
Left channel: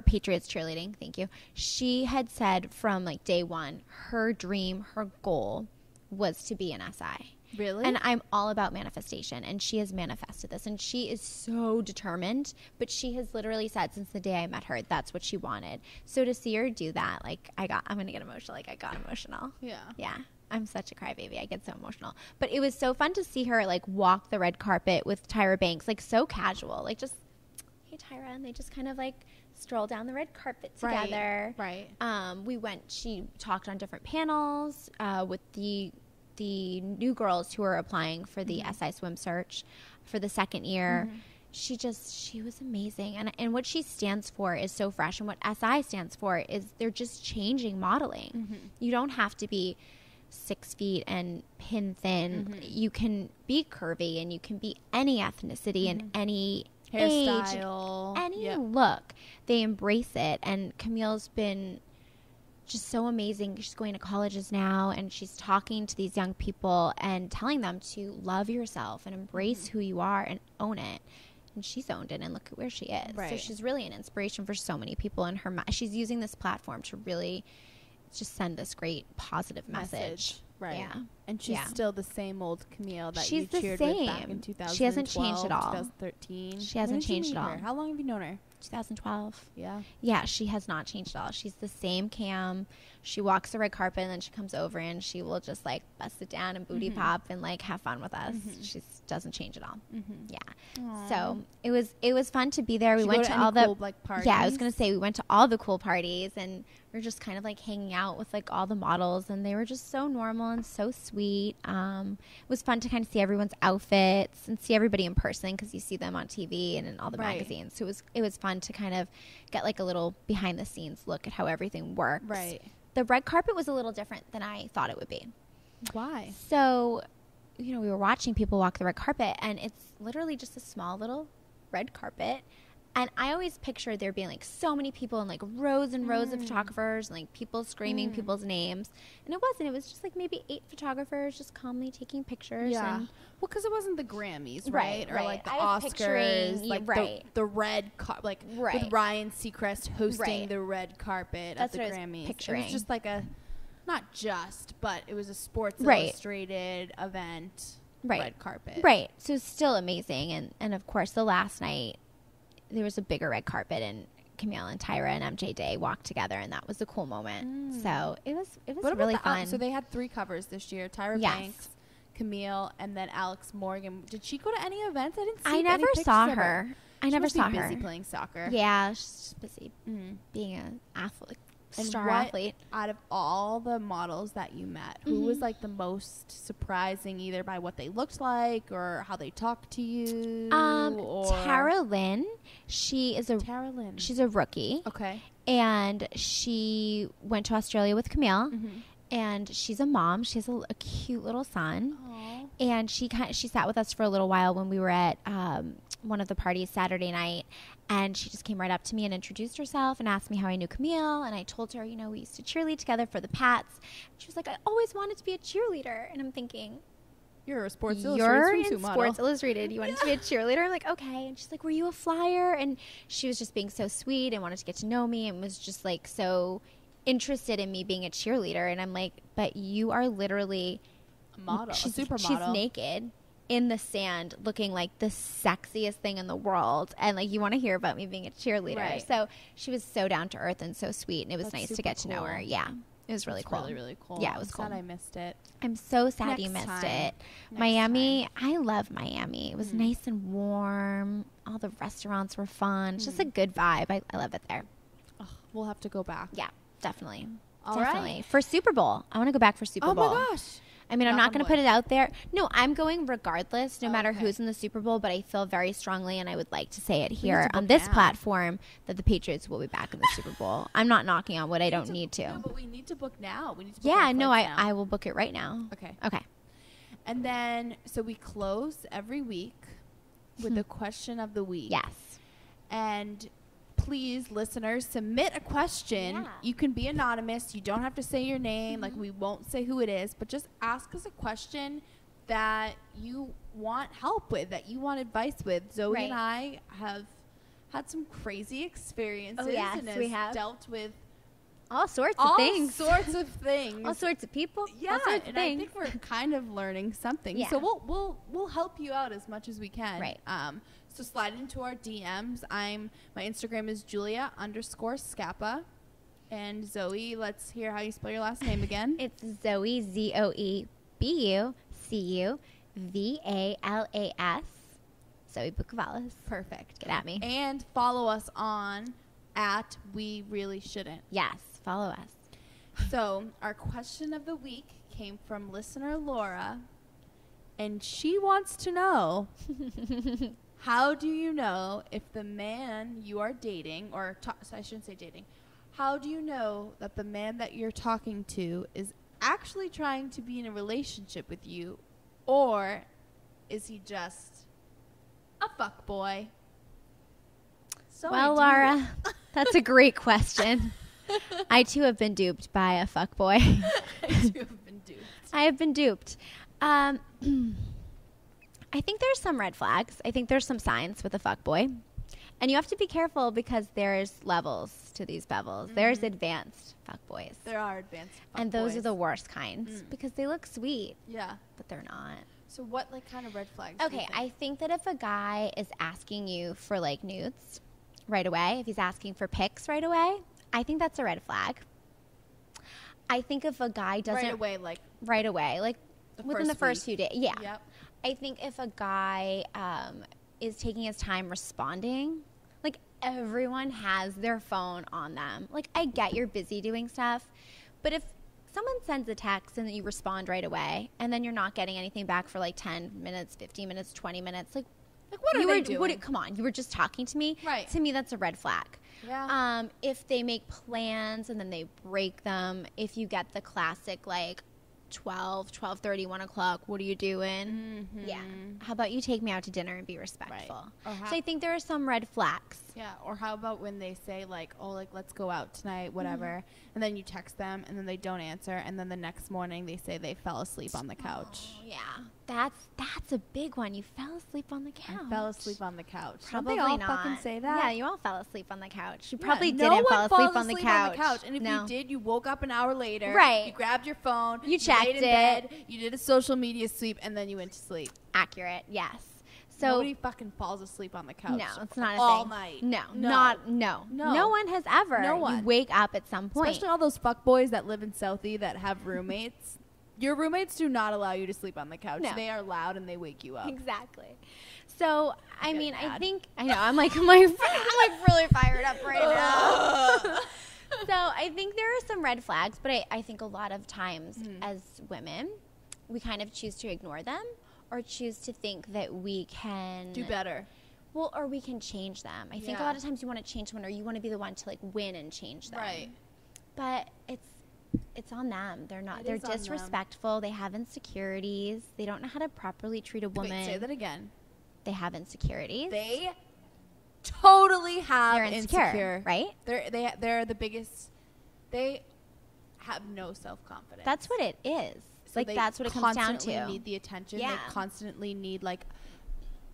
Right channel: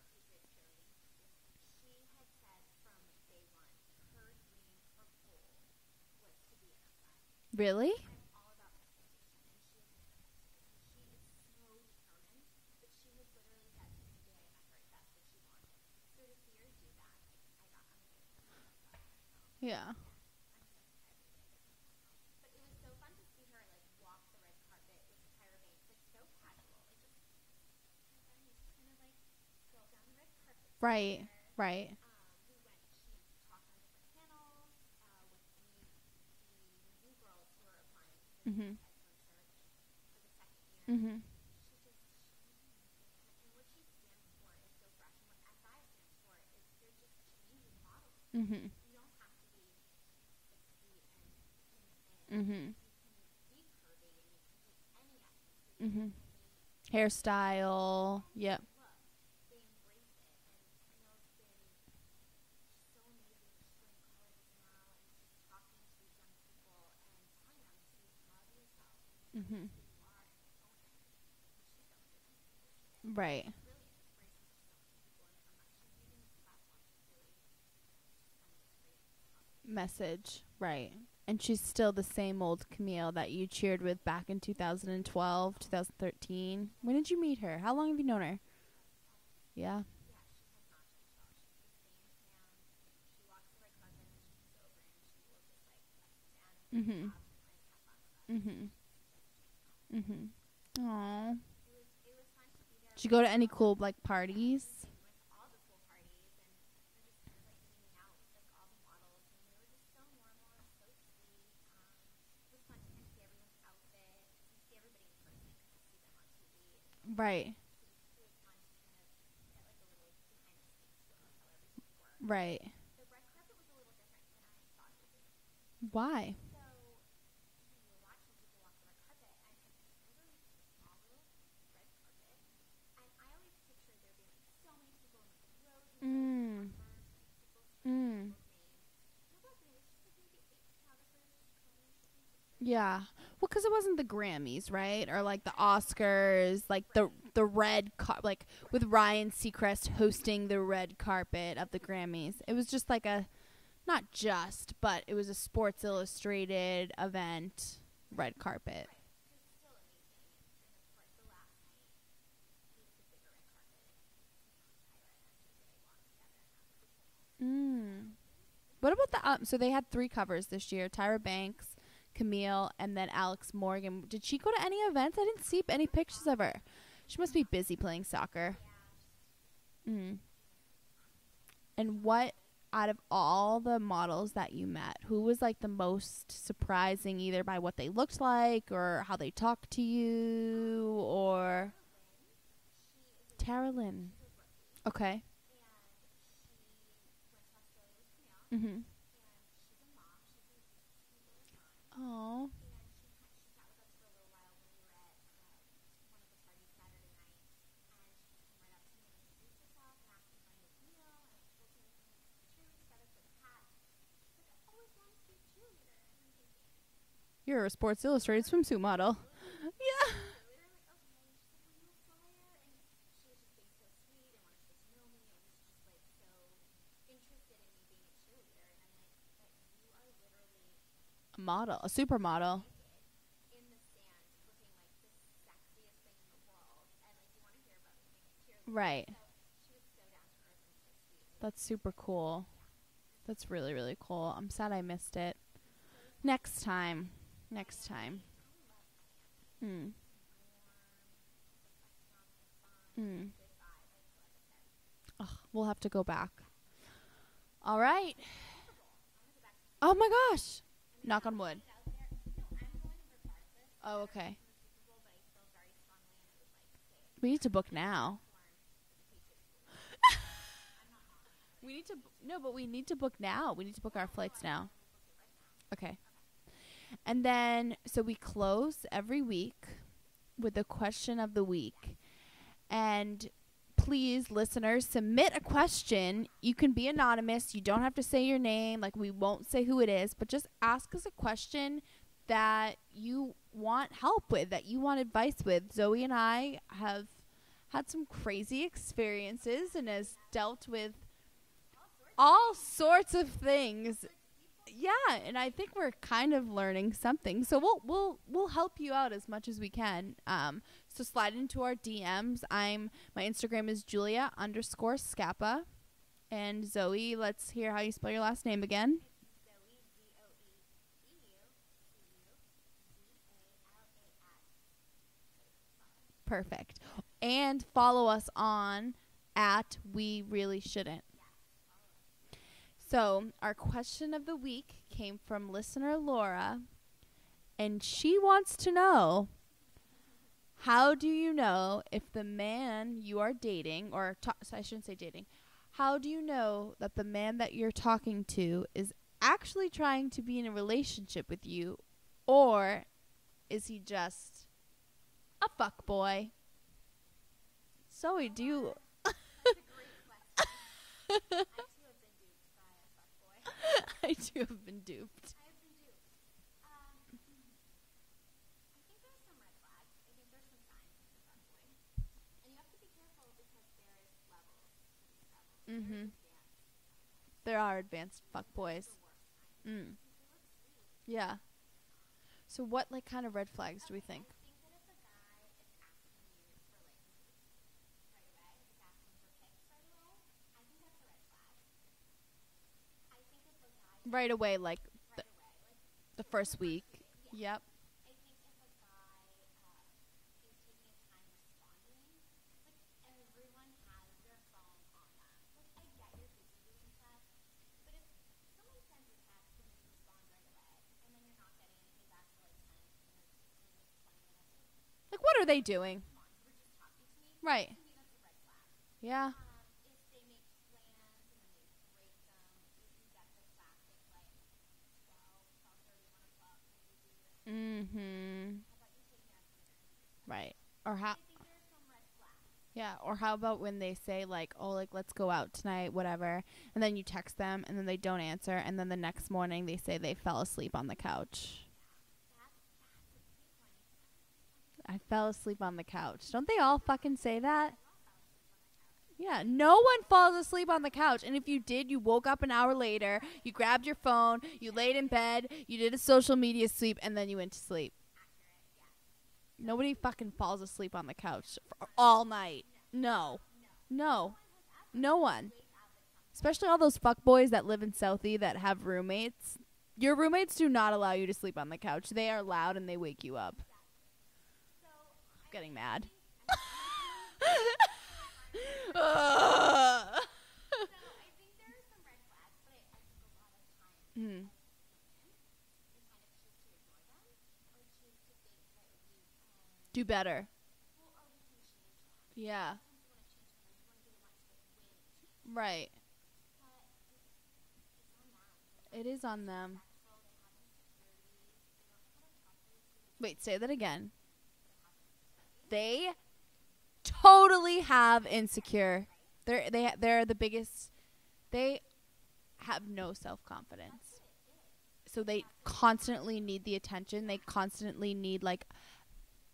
Patriots cheerleading. Thank you. She had said from like day one, her dream, her goal was to be an SI. Really? And I'm all about manifestation, and she has manifested this, and she is so determined, but she has literally said since the day I met her, that's what she wanted. So to see her do that, like, I'm going to get emotional. Like, I got emotional. Yeah. Yeah. I'm such a crybaby. I get so emotional. But it was so fun to see her, like, walk the red carpet with Tyra Banks, like, so casual. Like, just, hey, Tyra, and they just kind of, like, stroll down the red carpet together. Right. She talked on different panels with the new girls who are applying for the SI swim search for the second year. She was amazing. And what she stands for is so fresh. And what SI stands for is they're just changing modeling. You don't have to be 6 feet and pin thin. You can be curvy and you can be any ethnicity and any hairstyle, age, any look. They embrace it. And Camille's been just so amazing. She's going to colleges now, and she's talking to these young people and telling them to love yourself and embrace who you are and own it. And she's owned it, and look at where she is. Right. So she's really an inspiration for so many people in her. She's using this platform to really just send this great positive message. Right. Yeah. And she's still the same old Camille that you cheered with back in 2012, she hasn't changed at all. 2013. She hasn't changed at all. How long have you known her? 2012. Yeah. Yeah, she has not changed at all. She's the same Cam. She walks the red carpet, and then she comes over, and she will just, like, bust it down and booty pop and, like, have fun with us. She doesn't change at all. Yeah. Aww. So it was fun to be there. We Did went you go to to all any the cool, like, parties? Yeah, I was gonna say we went to all the cool parties, and we were just kind of like hanging out with like all the models, and they were just so normal and so sweet. It was fun to kind of see everyone's outfits and see everybody in person because you see them on TV and in all the magazines. So it was fun to kind of get like a little behind the scenes look at how everything works. Right. The red carpet was a little different than I thought it would be. Why? So, we were watching people walk the red carpet, and it's literally just a small little red carpet, And I always pictured there being like so many people and like rows and rows of photographers and like people screaming people's names. And it wasn't. It was just like maybe 8 photographers just calmly taking pictures. Yeah. Well, because it wasn't the Grammys, right? Or like the I was Oscars, like right. the red like Right. with Ryan Seacrest hosting Right. the red carpet at That's the what I was Grammys. It picturing. was just like a, not just, but it was a Sports Right. Illustrated event, Right. red carpet. Right. So it's still amazing. And of course, the last night, there was a bigger red carpet and Camille and Tyra and MJ Day walked together, and that was a cool moment. So it was What really about fun. so they had 3 covers this year: Tyra Yes. Banks, Camille, and then Alex Morgan. Did she go to any events? I didn't see I any never pictures saw of her. I She never must saw be busy her. playing soccer. Yeah, she's just busy Mm. being an athlete, And star what athlete. out of all the models that you met, who was like the most surprising, either by what they looked like or how they talked to you? Or Tara Lynn, she is a Tara Lynn. she's a rookie, Okay. and she went to Australia with Camille. Mm-hmm. And she's a mom. She has a cute little son. Oh. And she sat with us for a little while when we were at one of the parties Saturday night. And she just came right up to me and introduced herself and asked me how I knew Camille. And I told her, we used to cheerlead together for the Pats. She was like, I always wanted to be a cheerleader. And I'm thinking, You're a Sports you're Illustrated in swimsuit model. Sports Illustrated. You wanted to be a cheerleader? I'm like, okay. And she's like, were you a flyer? And she was just being so sweet and wanted to get to know me and was just like so interested in me being a cheerleader. And I'm like, but you are literally A model, a she's supermodel. naked in the sand looking like the sexiest thing in the world, and like you want to hear about me being a cheerleader. Right. So she was so down to earth and so sweet, and it was That's nice to super get to know her. cool. Yeah, it was really That's cool. really, really cool. Yeah, it was I'm sad cool. I missed it. I'm so sad you Next missed time. it. Next Miami, I love Miami. It was nice and warm. All the restaurants were fun. It's just a good vibe. I love it there. Ugh, we'll have to go back. Yeah, definitely. All Definitely. right. For Super Bowl. I want to go back for Super Oh Bowl. my gosh. I mean, I'm Knock not on going to wood. put it out there. No, I'm going regardless, no Oh, matter okay. who's in the Super Bowl, but I feel very strongly, and I would like to say it We need here to book on this now. platform, that the Patriots will be back in the Super Bowl. I'm not knocking on wood. I don't need to. No, but we need to book now. We need to book Yeah, our no, flights now. I will book it right now. Okay. Okay. And then, so we close every week with the question of the week. Yes. And please, listeners, submit a question. Yeah. You can be anonymous. You don't have to say your name. Like, we won't say who it is, but just ask us a question that you want help with, that you want advice with. Zoe and I have had some crazy experiences yes, and we has have. dealt with All sorts all of things. sorts of things. All sorts of people. Yeah, all sorts of and I things. think we're kind of learning something. Yeah. So we'll help you out as much as we can. Right. So slide into our DMs. My Instagram is Julia_Scappa. And Zoe, let's hear how you spell your last name again. It's Zoe, ZoeBucuValas. Zoe Bucavalas. Perfect. Get at me. And follow us on @WeReallyShouldn't. Yes, follow us. So our question of the week came from listener Laura, and she wants to know, how do you know if the man you are dating, or so I shouldn't say dating, how do you know that the man that you're talking to is actually trying to be in a relationship with you, or is he just a fuckboy? So Well, Laura, that's a great question. I, too, have been duped by a fuckboy. I too have been duped. I have been duped. I think there's some red flags. I think there's some signs with a fuckboy. And you have to be careful because there's levels to these bevels. There's advanced fuckboys. There are advanced fuckboys. And those are the worst kinds because they look sweet, Yeah. but they're not. So what kind of red flags do you Okay, think? I think that if a guy is asking you for like nudes right away, if he's asking for pics right away, I think that's a red flag. I think if a guy doesn't right away, like right away, like within the first few days, yeah. Yep. I think if a guy is taking his time responding, like everyone has their phone on them. Like I get you're busy doing stuff, but if someone sends a text and then you respond right away, and then you're not getting anything back for like 10 minutes, 15 minutes, 20 minutes, like what are you they were- doing? come on, you were just talking to me. Right. To me, that's a red flag. Yeah. If they make plans and then they break them, if you get the classic like 12:30, 1 o'clock. What are you doing? Mm-hmm. Yeah. How about you take me out to dinner and be respectful? Right. Or So I think there are some red flags. Yeah, or how about when they say, like, oh, like, let's go out tonight, whatever, and then you text them, and then they don't answer, and then the next morning they say they fell asleep on the couch. Oh, yeah. That's a big one. You fell asleep on the couch. I fell asleep on the couch. Probably Don't they all not. fucking say that? Yeah, you all fell asleep on the couch. You Yeah, probably no didn't one fall falls asleep on the couch. And if No. you did, you woke up an hour later. Right. You grabbed your phone. You checked laid in it. bed. You did a social media sweep, and then you went to sleep. Accurate, yes. So Nobody fucking falls asleep on the couch. No, it's not a all thing. night. No. No. No one has ever. No You one. wake up at some point. Especially all those fuckboys that live in Southie that have roommates. Your roommates do not allow you to sleep on the couch. No. They are loud and they wake you up. Exactly. So, I Getting mean, mad. I know, I'm like really fired up right now. So I think there are some red flags, but I think a lot of times as women, we kind of choose to ignore them or choose to think that we can Do better. Well, or we can change them. I think a lot of times you want to change someone or you want to be the one to like win and change them. Right. But it's on them. They're not. It They're is on them. disrespectful. They have insecurities. They don't know how to properly treat a woman. Wait, say that again. They have insecurities. They totally have They're insecure. right? They're the biggest. They have no self-confidence. That's what it is. So like they that's what it comes down constantly to. need the attention. Yeah. They constantly need like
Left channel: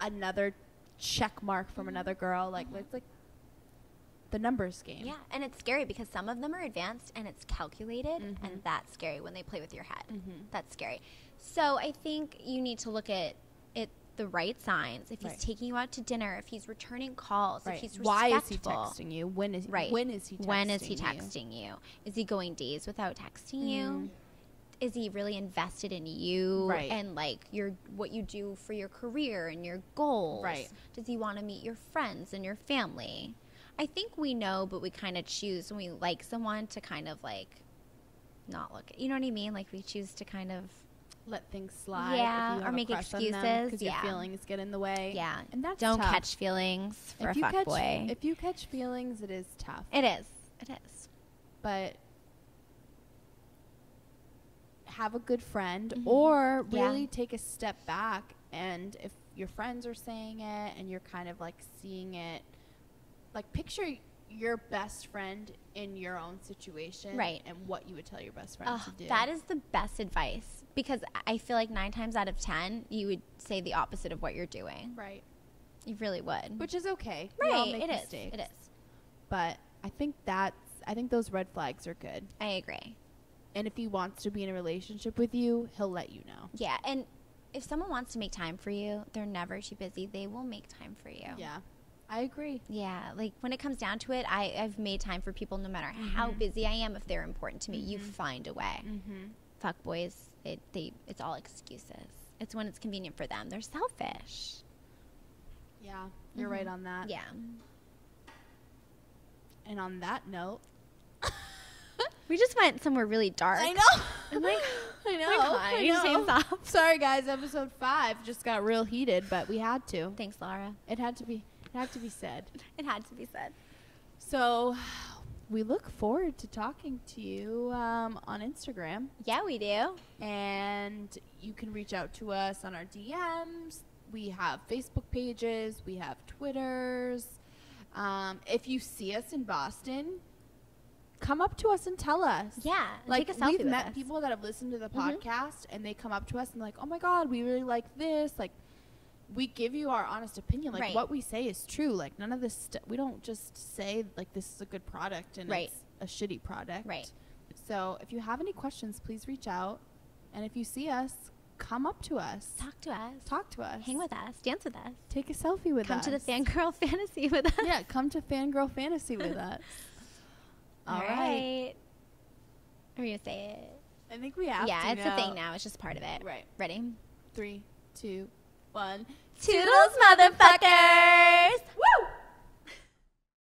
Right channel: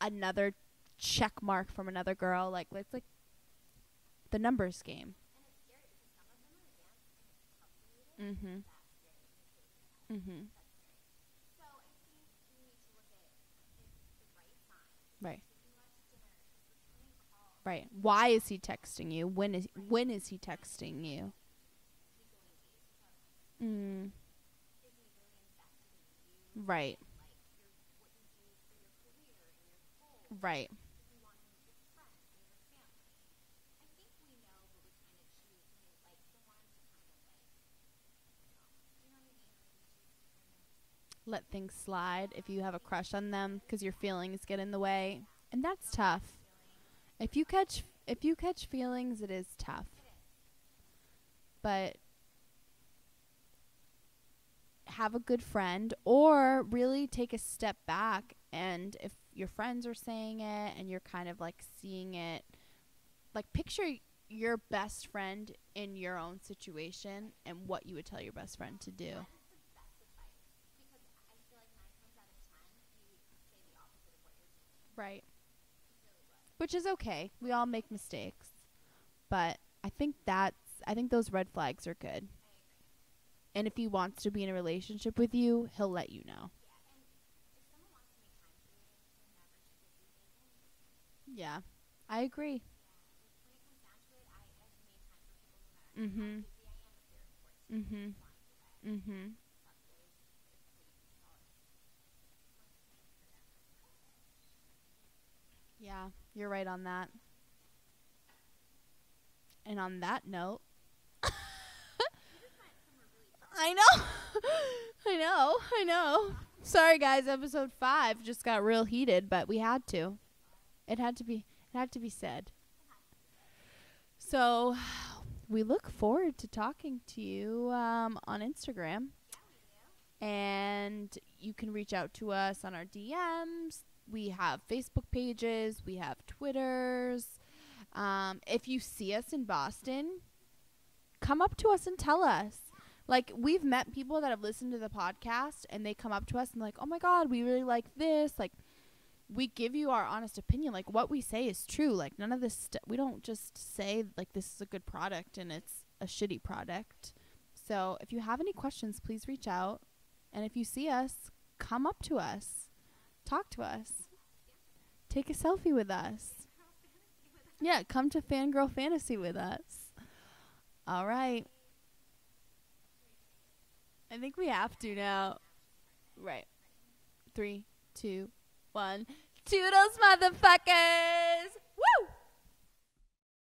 another check mark from another girl. Like it's like the numbers game. Yeah, and it's scary because some of them are advanced and it's calculated, Mhm. and that's scary when they play with your head. Mm-hmm. That's scary. So I think you need to look at it the right signs. If he's Right. taking you out to dinner, if he's returning calls, Right. if he's Why is he respectful. texting you? When is Right. when is he texting When is he you? texting you? Is he going days without texting you? Is he really invested in you? Right. And like what you do for your career and your goals? Right. Does he want to meet your friends and your family? I think we know, but we kind of choose when we like someone to kind of like not look at, you know what I mean? Like we choose to kind of Let things slide Yeah, if you or have a make crush on them excuses. because your Yeah. feelings get in the way. yeah, And that's don't tough. catch feelings for If a you catch fuckboy. if you catch feelings, it is tough. It is. It is. But have a good friend Mhm. or Yeah. really take a step back, and if your friends are saying it and you're kind of like seeing it, like picture your best friend in your own situation, Right. and what you would tell your best friend to do. That is the best advice because I feel like 9 times out of 10 you would say the opposite of what you're doing. Right. You really would. Which is okay. We all make it is. mistakes. It is. But I think those red flags are good. I agree. And if he wants to be in a relationship with you, he'll let you know. Yeah, and if someone wants to make time for you, they're never too busy. They will make time for you. Yeah. I agree. Yeah, like when it comes down to it, I've made time for people no matter how busy I am. If they're important to me, you find a way. Mm-hmm. Fuck boys, it's all excuses. It's when it's convenient for them. They're selfish. Yeah, you're right on that. Yeah. And on that note, We just went somewhere really dark. I know. I'm like, I know. I know. Sorry, guys. Episode 5 just got real heated, but we had to. Thanks, Laura. It had to be said. It had to be said. So, we look forward to talking to you on Instagram, Yeah, we do. and you can reach out to us on our DMs. We have Facebook pages. We have Twitters. If you see us in Boston, come up to us and tell us. Yeah. Like, take a selfie we've with met us. people that have listened to the Mhm. podcast, and they come up to us and like, oh my God, we really like this. Like, we give you our honest opinion. Like, Right. what we say is true. Like, none of this we don't just say like this is a good product and Right. it's a shitty product. Right. So if you have any questions, please reach out. And if you see us, come up to us. Talk to us. Talk to us. Hang with us. Dance with us. Take a selfie with Come us. to the fangirl fantasy with us. Yeah, come to Fangirl Fantasy with us. All right. Are you gonna say it? I think we have Yeah, to it's now. a thing now. It's just part of it. Right. Ready? 3, 2, 1. Toodles, motherfuckers!